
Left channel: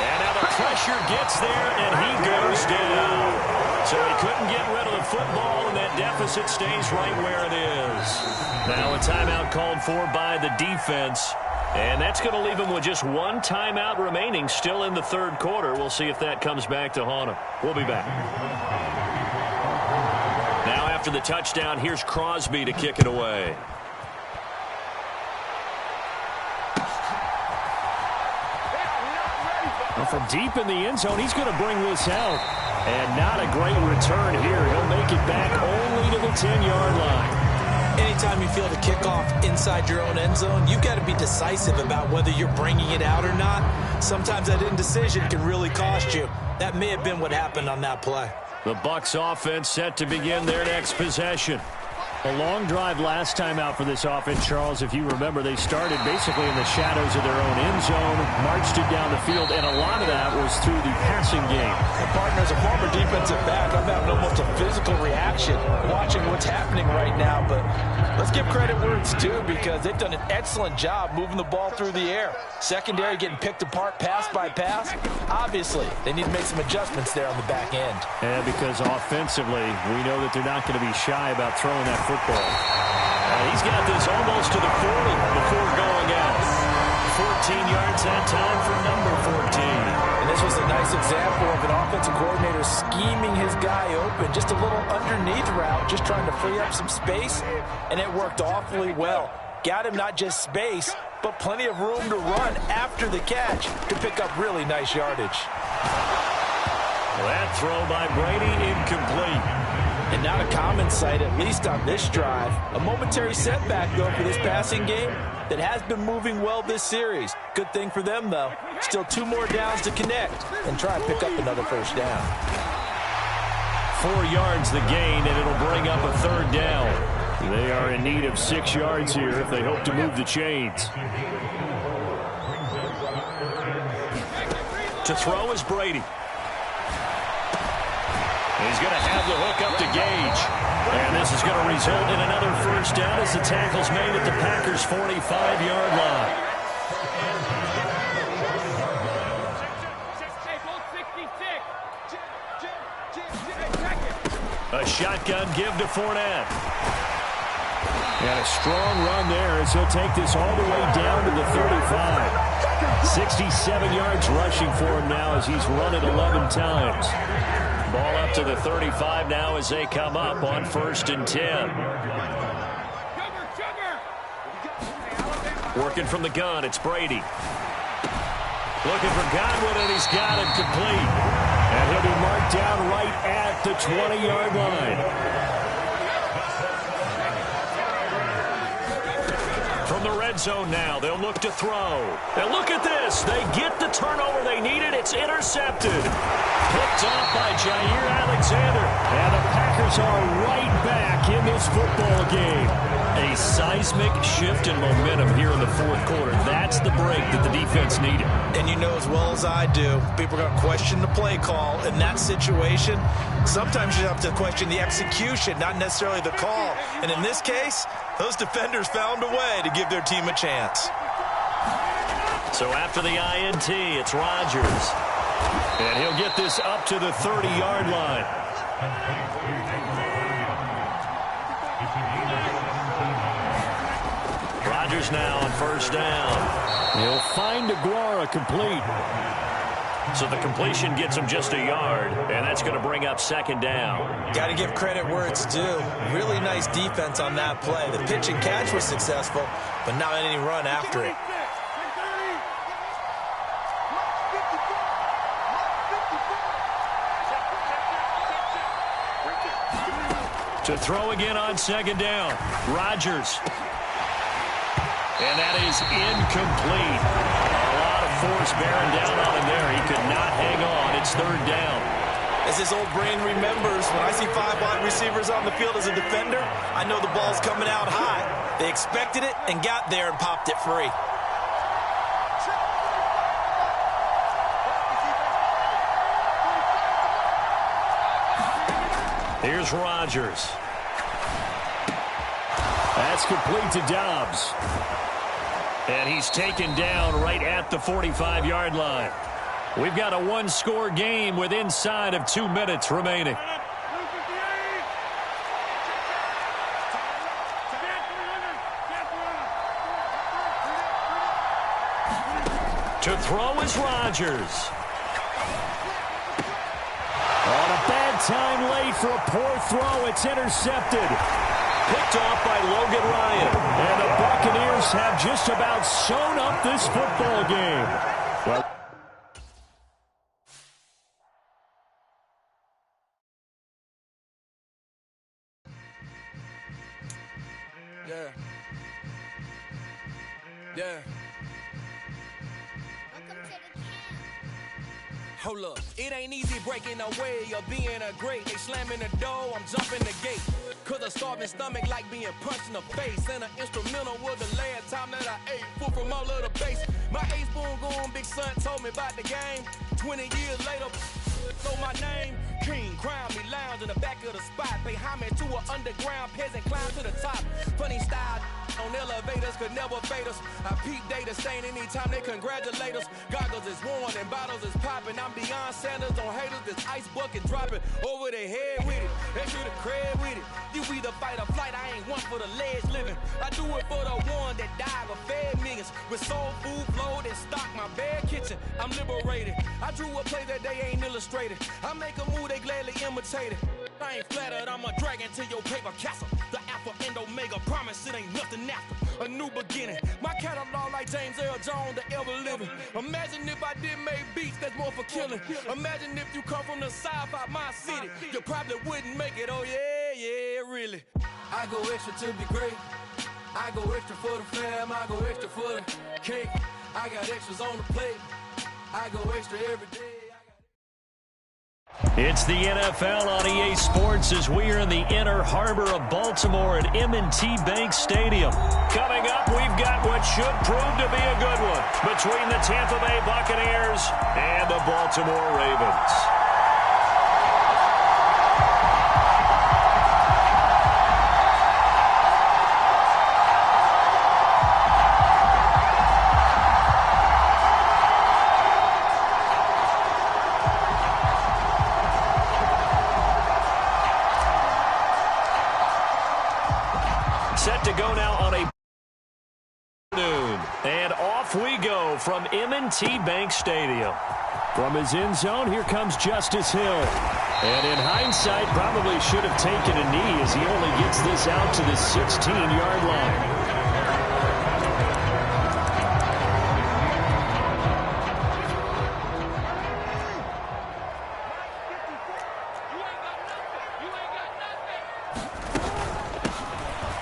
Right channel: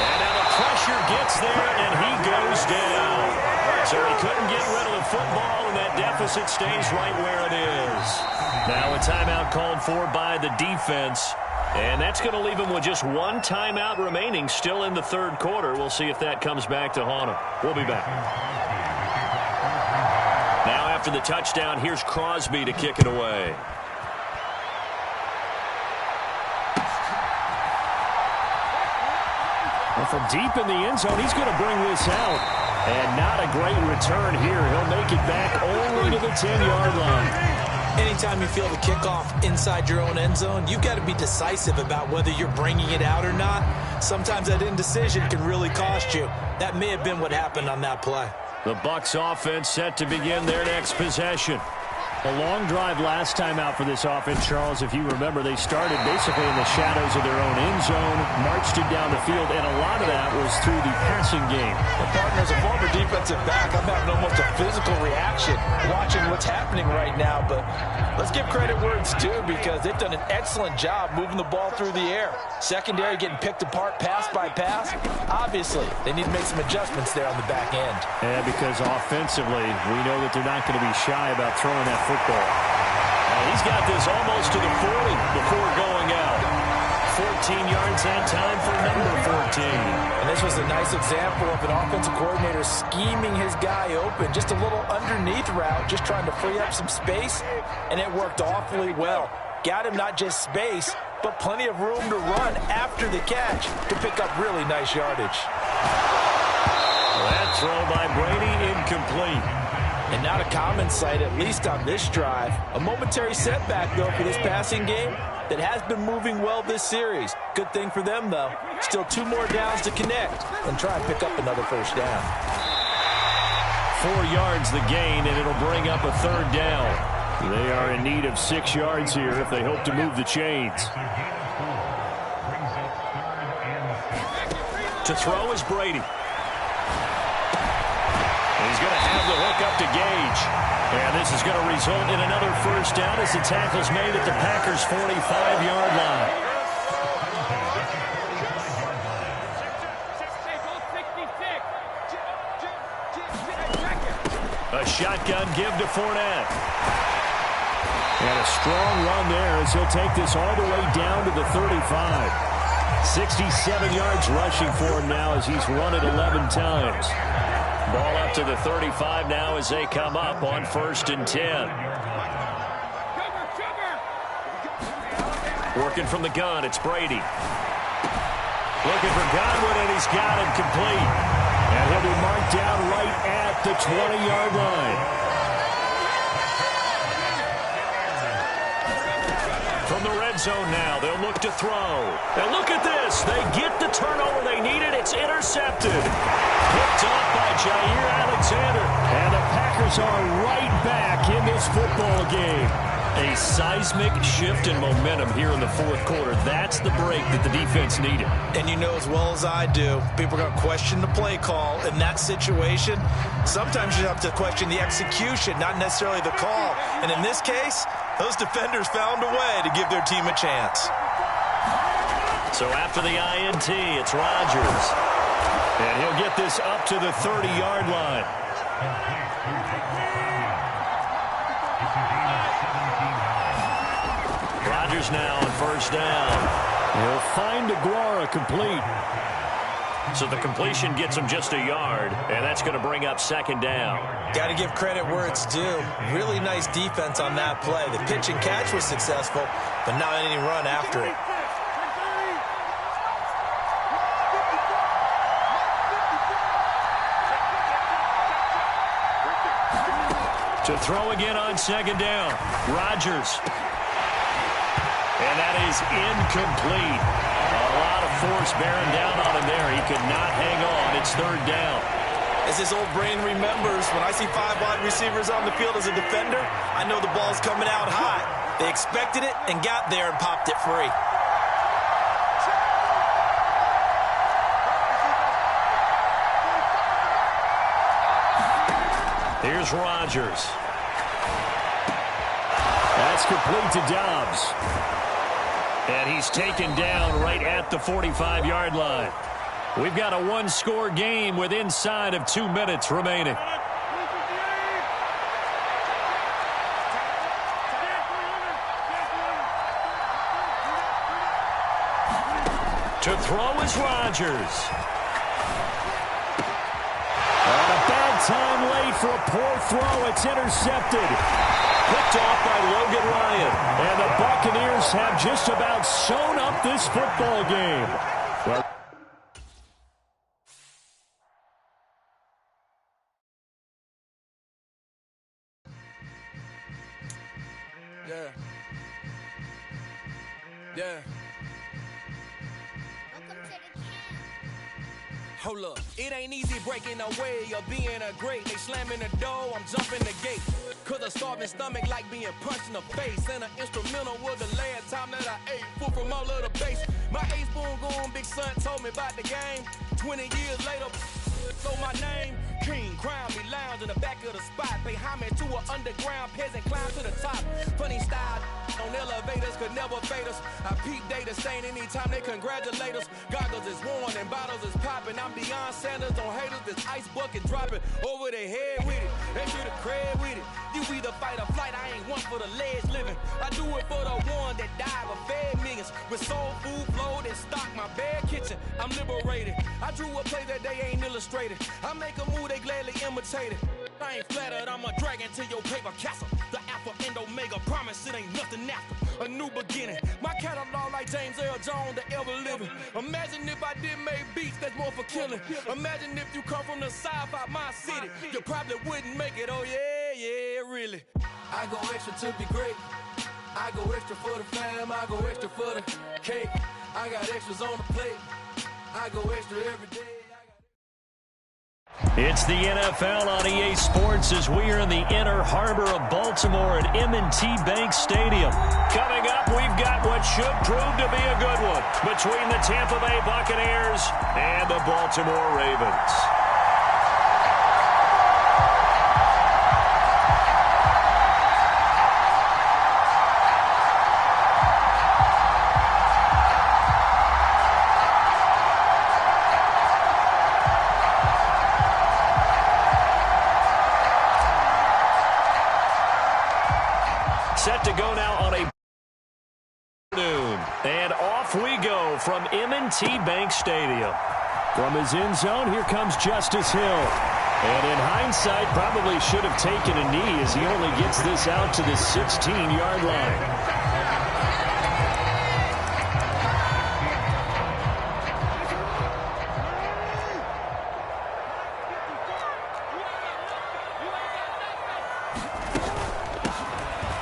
And now the pressure gets there, and he goes down. So he couldn't get rid of the football, and that deficit stays right where it is. Now a timeout called for by the defense. And that's going to leave him with just one timeout remaining still in the 3rd quarter. We'll see if that comes back to haunt him. We'll be back. Now after the touchdown, here's Crosby to kick it away. Well, from deep in the end zone, he's going to bring this out. And not a great return here. He'll make it back only to the 10-yard line. Anytime you feel the kickoff inside your own end zone, you've got to be decisive about whether you're bringing it out or not. Sometimes that indecision can really cost you. That may have been what happened on that play. The Bucs offense set to begin their next possession. A long drive last time out for this offense, Charles. If you remember, they started basically in the shadows of their own end zone, marched it down the field, and a lot of that was through the passing game. And partner, as a former defensive back, I'm having almost a physical reaction watching what's happening right now. But let's give credit where it's due, because they've done an excellent job moving the ball through the air. Secondary getting picked apart pass by pass. Obviously, they need to make some adjustments there on the back end. Yeah, because offensively, we know that they're not going to be shy about throwing that football. He's got this almost to the 40 before going out. 14 yards that time for number 14. And this was a nice example of an offensive coordinator scheming his guy open. Just a little underneath route, just trying to free up some space, and it worked awfully well. Got him not just space, but plenty of room to run after the catch to pick up really nice yardage. That throw by Brady incomplete. And not a common sight, at least on this drive. A momentary setback, though, for this passing game that has been moving well this series. Good thing for them, though. Still 2 more downs to connect and try and pick up another first down. 4 yards the gain, and it'll bring up a 3rd down. They are in need of 6 yards here if they hope to move the chains. To throw is Brady. He's going to have the hook up to Gage. And this is going to result in another first down as the tackle's made at the Packers' 45-yard line. A shotgun give to Fournette. And a strong run there as he'll take this all the way down to the 35. 67 yards rushing for him now as he's run it 11 times. Ball up to the 35 now as they come up on 1st and 10. Working from the gun, it's Brady. Looking for Godwin, and he's got him complete. And he'll be marked down right at the 20-yard line. From the red zone now, they'll look to throw. And look at this. They get the turnover they needed. It's intercepted. Picked off by Jair Alexander. And the Packers are right back in this football game. A seismic shift in momentum here in the 4th quarter. That's the break that the defense needed. And you know as well as I do, people are going to question the play call in that situation. Sometimes you have to question the execution, not necessarily the call. And in this case, those defenders found a way to give their team a chance. So after the INT, it's Rodgers. And he'll get this up to the 30-yard line. Rodgers now on 1st down. He'll find Aguara complete. So the completion gets him just a yard, and that's going to bring up 2nd down. Got to give credit where it's due. Really nice defense on that play. The pitch and catch was successful, but not any run after it. To throw again on 2nd down. Rodgers. And that is incomplete. A lot of force bearing down on him there. He could not hang on. It's 3rd down. As his old brain remembers, when I see 5 wide receivers on the field as a defender, I know the ball's coming out high. They expected it and got there and popped it free. Here's Rodgers. That's complete to Dobbs. And he's taken down right at the 45-yard line. We've got a 1-score game with inside of 2 minutes remaining. To throw is Rodgers. On a bad time late for a poor throw. It's intercepted. Picked off by Logan Ryan. And the Buccaneers have just about sewn up this football game. Well, Yeah. Hold up, it ain't easy breaking away or being a great. They slamming the door, I'm jumping the gate. Cause a starving stomach like being punched in the face. And an instrumental was the last time that I ate food from all of the base. My ace boom goon, big son told me about the game. 20 years later, so my name, King, crown me, lounge in the back of the spot. Pay homage to an underground peasant, climb to the top. Funny style on elevators could never fade us. I peep data stain anytime they congratulate us. Goggles is worn and bottles is popping. I'm Deion Sanders on haters, this ice bucket dropping over their head with it. They should have cred with it. You either fight or flight, I ain't one for the ledge living. I do it for the one that died but fed millions. With soul food flowed and stocked my bare kitchen. I'm liberated. I drew a play that they ain't illustrated. I make a move, they gladly imitate it. I ain't flattered, I'm a dragon to your paper castle. The Alpha and Omega, promise it ain't nothing after. A new beginning. My catalog like James Earl Jones, the ever living. Imagine if I did make beats that's more for killing. Imagine if you come from the south out my city. You probably wouldn't make it, oh yeah, really. I go extra to be great. I go extra for the fam, I go extra for the cake. I got extras on the plate. I go extra every day. It's the NFL on EA Sports as we are in the inner harbor of Baltimore at M&T Bank Stadium. Coming up, we've got what should prove to be a good one between the Tampa Bay Buccaneers and the Baltimore Ravens. Set to go now on a noon. And off we go from M&T Bank Stadium. From his end zone, here comes Justice Hill. And in hindsight, probably should have taken a knee as he only gets this out to the 16-yard line.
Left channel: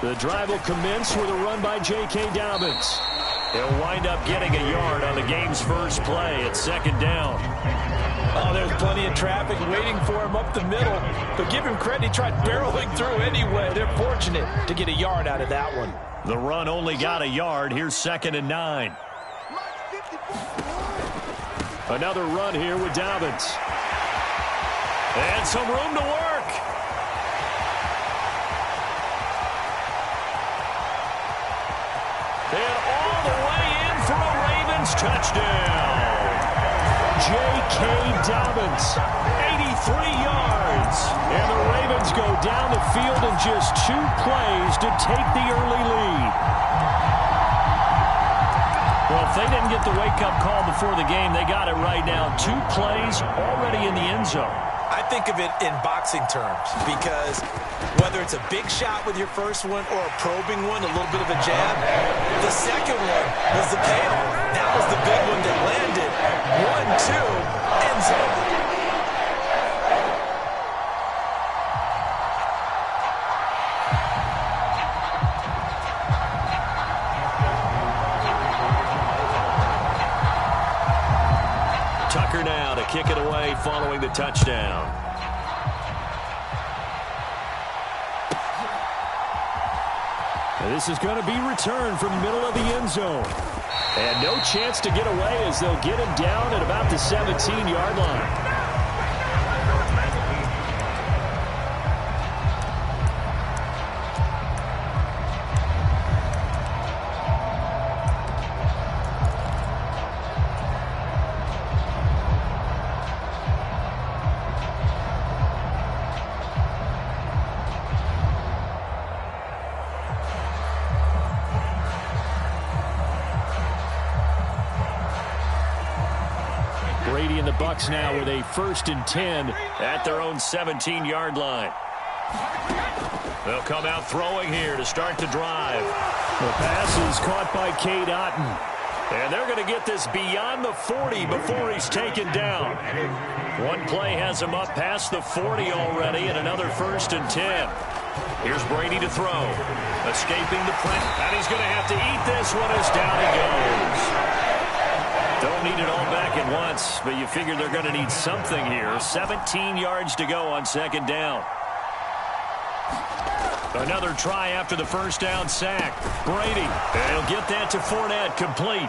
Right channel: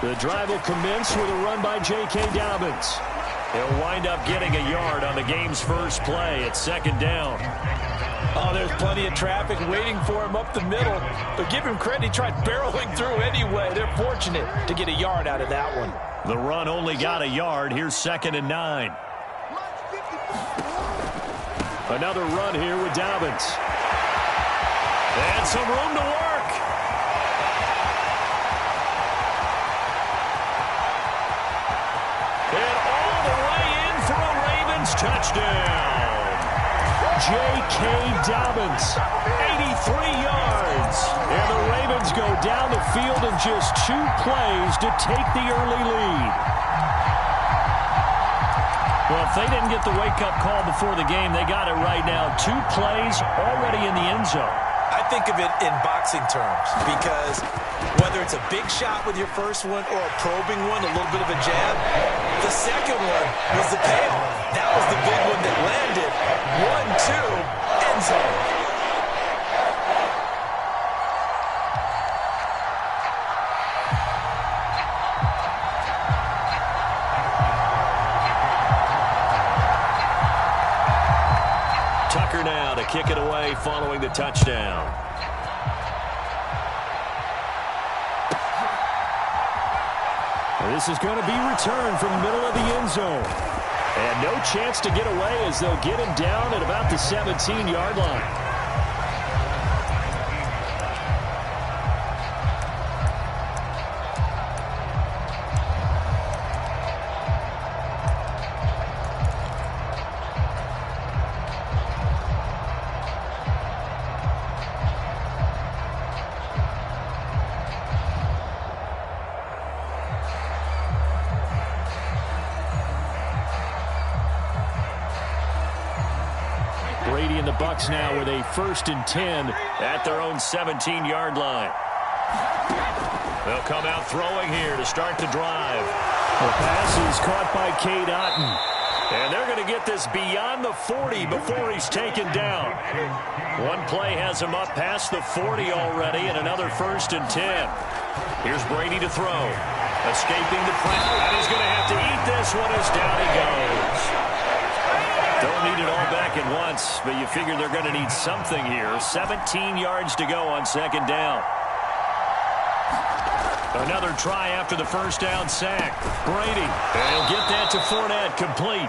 The drive will commence with a run by J.K. Dobbins. He'll wind up getting a yard on the game's first play at second down. Oh, there's plenty of traffic waiting for him up the middle. But give him credit, he tried barreling through anyway. They're fortunate to get a yard out of that one. The run only got a yard. Here's 2nd and 9. Another run here with Dobbins. And some room to work. And all the way in for a Ravens touchdown. J.K. Dobbins, 83 yards. And the Ravens go down the field in just 2 plays to take the early lead. Well, if they didn't get the wake-up call before the game, they got it right now. 2 plays already in the end zone. I think of it in boxing terms because whether it's a big shot with your first one or a probing one, a little bit of a jab, the second one was the payoff. That was the big one that landed. 1-2, end zone. Tucker now to kick it away following the touchdown. And this is going to be returned from the middle of the end zone. And no chance to get away as they'll get him down at about the 17-yard line. Brady and the Bucs now with a 1st and 10 at their own 17-yard line. They'll come out throwing here to start the drive. The pass is caught by Cade Otton. And they're going to get this beyond the 40 before he's taken down. One play has him up past the 40 already and another 1st and 10. Here's Brady to throw. Escaping the press, and he's going to have to eat this one as down he goes. Don't need it all back at once, but you figure they're going to need something here. 17 yards to go on second down. Another try after the first down sack. Brady, and he'll get that to Fournette, complete.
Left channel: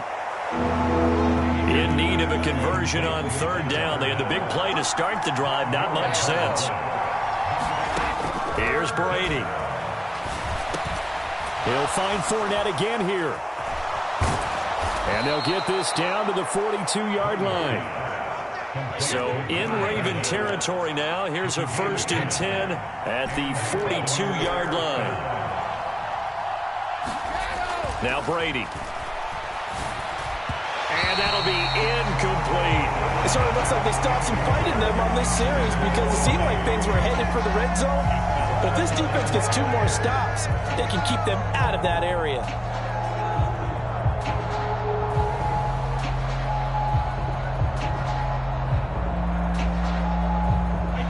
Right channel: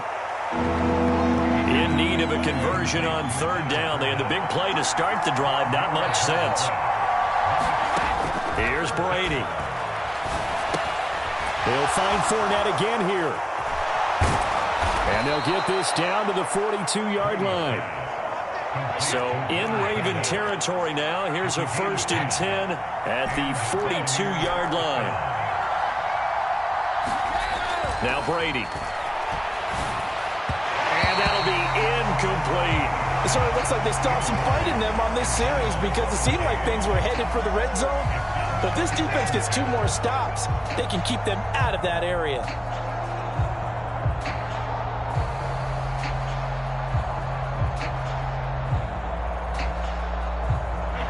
In need of a conversion on third down. They had the big play to start the drive. Not much sense. Here's Brady. He'll find Fournette again here. And they'll get this down to the 42-yard line. So in Raven territory now. Here's a 1st and 10 at the 42-yard line. Now Brady. And that'll be incomplete. It sort of looks like they stopped some fighting them on this series because it seemed like things were headed for the red zone. But if this defense gets 2 more stops, they can keep them out of that area.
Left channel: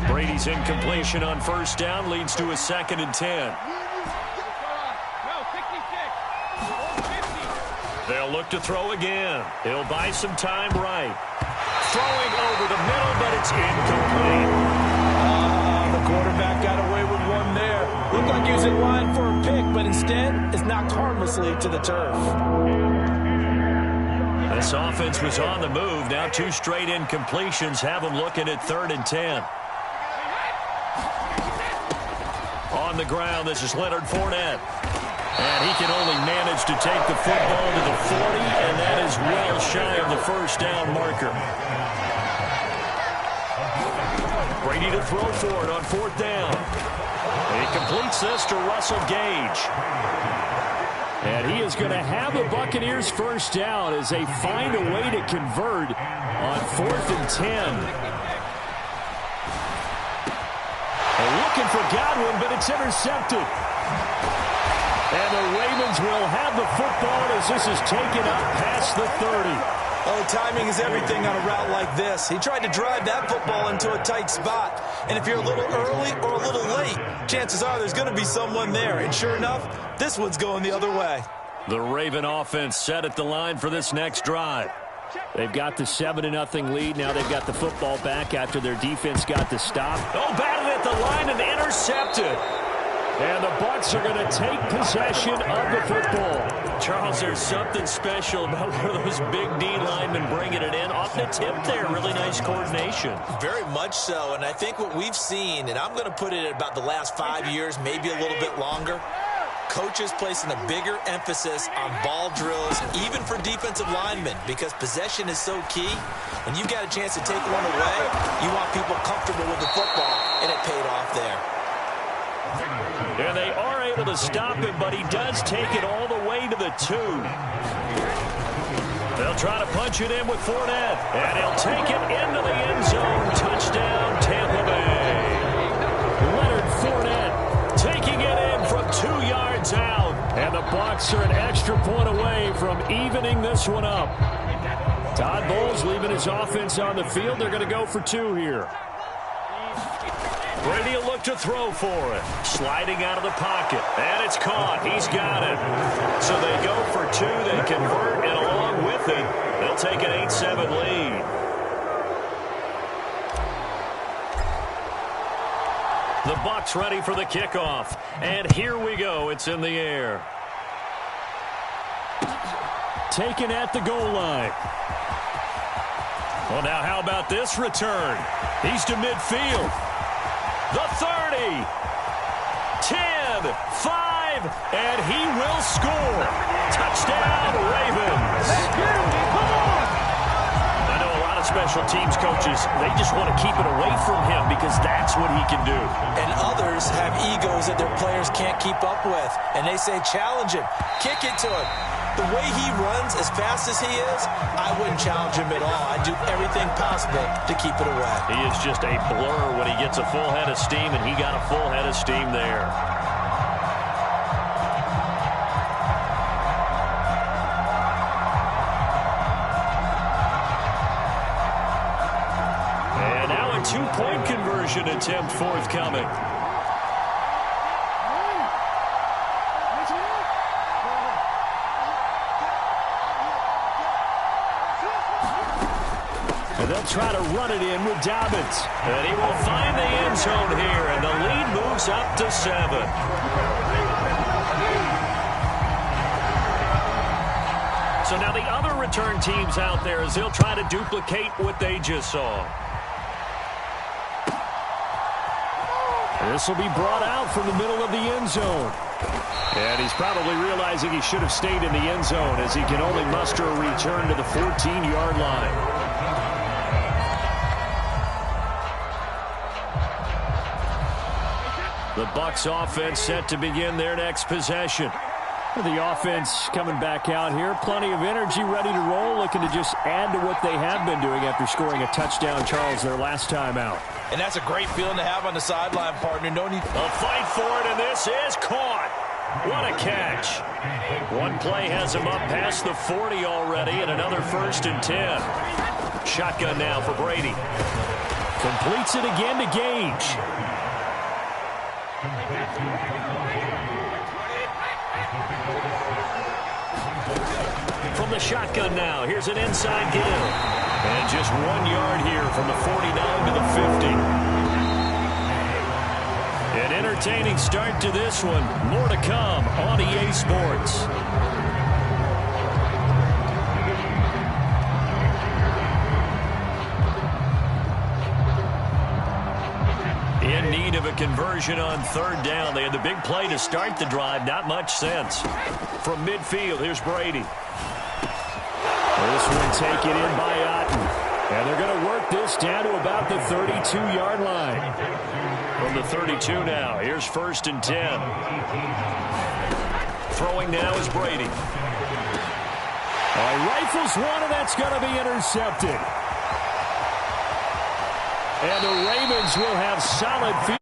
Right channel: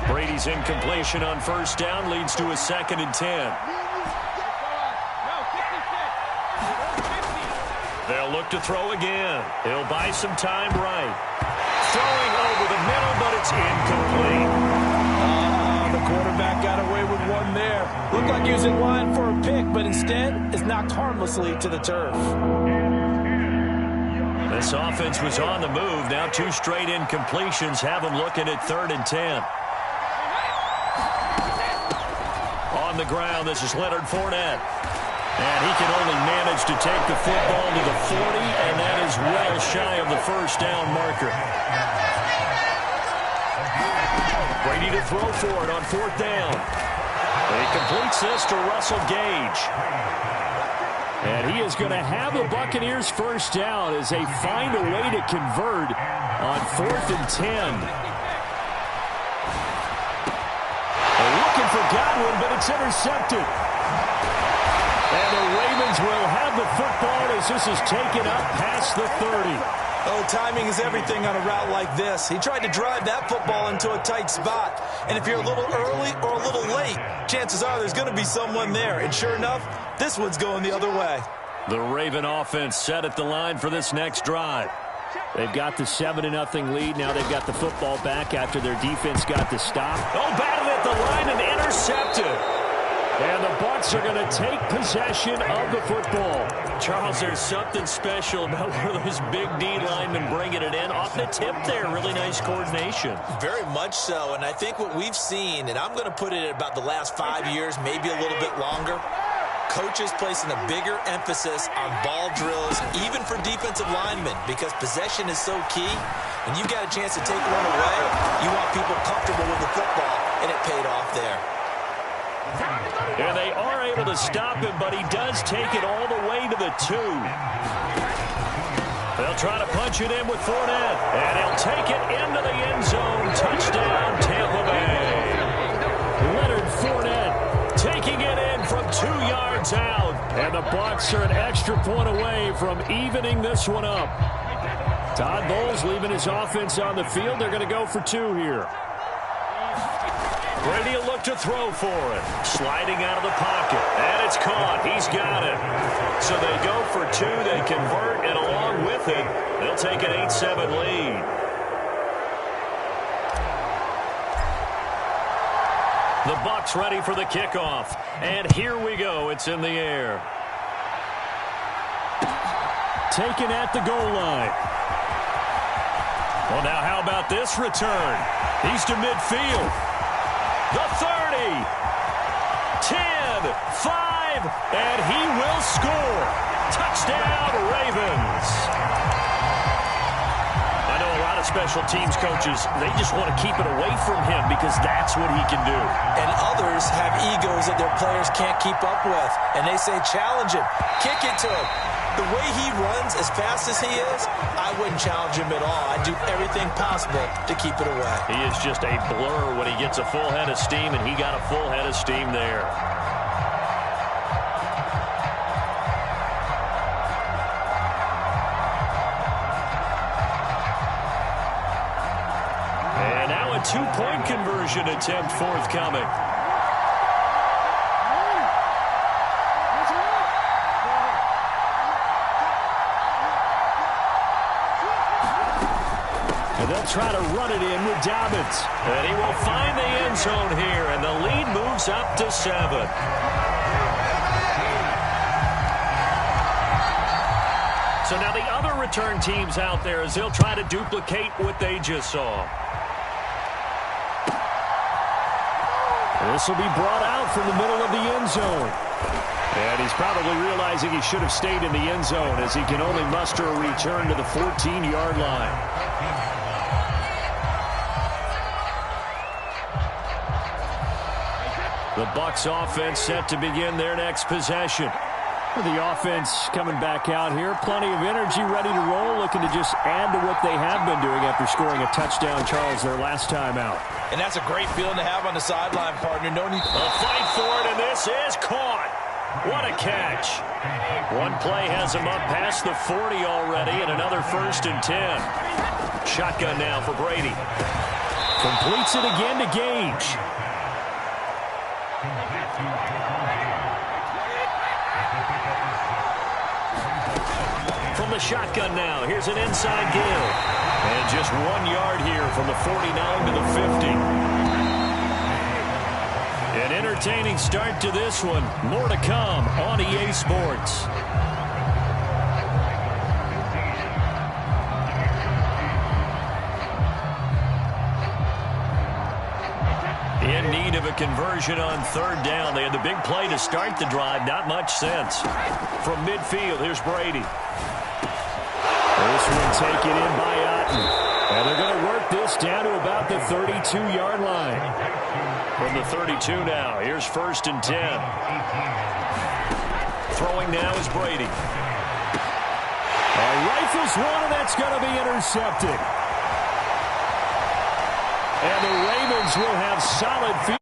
Brady's incompletion on first down leads to a 2nd and 10. They'll look to throw again. He'll buy some time right. Throwing over the middle, but it's incomplete. The quarterback got away with one there. Looked like he was in line for a pick, but instead is knocked harmlessly to the turf. This offense was on the move. Now 2 straight incompletions have them looking at 3rd and 10. On the ground, this is Leonard Fournette. And he can only manage to take the football to the 40, and that is well shy of the first down marker. Brady to throw for it on 4th down. He completes this to Russell Gage. And he is going to have the Buccaneers first down as they find a way to convert on 4th and 10. They're looking for Godwin, but it's intercepted. And the Ravens will have the football as this is taken up past the 30. Oh, timing is everything on a route like this. He tried to drive that football into a tight spot. And if you're a little early or a little late, chances are there's going to be someone there. And sure enough, this one's going the other way. The Raven offense set at the line for this next drive. They've got the 7-0 lead. Now they've got the football back after their defense got the stop. Oh, batted at the line and intercepted. And the Bucs are going to take possession of the football. Charles, there's something special about one of those big D linemen bringing it in. Off the tip there, really nice coordination. Very much so, and I think what we've seen, and I'm going to put it at about the last 5 years, maybe a little bit longer, coaches placing a bigger emphasis on ball drills, even for defensive linemen, because possession is so key. When you've got a chance to take one away, you want people comfortable with the football, and it paid off there. And they are able to stop him, but he does take it all the way to the 2. They'll try to punch it in with Fournette, and he'll take it into the end zone. Touchdown, Tampa Bay. Leonard Fournette taking it in from 2 yards out. And the Bucs are an extra point away from evening this one up. Todd Bowles leaving his offense on the field. They're going to go for 2 here. Brady will look to throw for it. Sliding out of the pocket. And it's caught. He's got it. So they go for 2. They convert, and along with it, they'll take an 8-7 lead. The Bucs ready for the kickoff. And here we go. It's in the air. Taken at the goal line. Well, now how about this return? He's to midfield. The 30, 10, 5, and he will score. Touchdown, Ravens. I know a lot of special teams coaches, they just want to keep it away from him because that's what he can do. And others have egos that their players can't keep up with. And they say, challenge him, kick it to him. The way he runs as fast as he is, I wouldn't challenge him at all. I'd do everything possible to keep it away. He is just a blur when he gets a full head of steam, and he got a full head of steam there. And now a 2-point conversion attempt forthcoming. try to run it in with Dobbins. And he will find the end zone here, and the lead moves up to 7. So now the other return teams out there as they'll try to duplicate what they just saw. This will be brought out from the middle of the end zone. And he's probably realizing he should have stayed in the end zone as he can only muster a return to the 14-yard line. The Bucs offense set to begin their next possession. The offense coming back out here. Plenty of energy, ready to roll, looking to just add to what they have been doing after scoring a touchdown, Charles, their last time out. And that's a great feeling to have on the sideline, partner. No need. A fight for it, and this is caught. What a catch. One play has him up past the 40 already, and another 1st and 10. Shotgun now for Brady. Completes it again to Gage. From the shotgun now, here's an inside give. And just 1 yard here from the 49 to the 50. An entertaining start to this one. More to come on EA Sports. In need of a conversion on 3rd down. They had the big play to start the drive. Not much sense. From midfield, here's Brady. This one taken in by Otten. And they're going to work this down to about the 32-yard line. From the 32 now, here's 1st and 10. Throwing now is Brady. All right, rifles one, and that's going to be intercepted. And the Ravens will have solid field.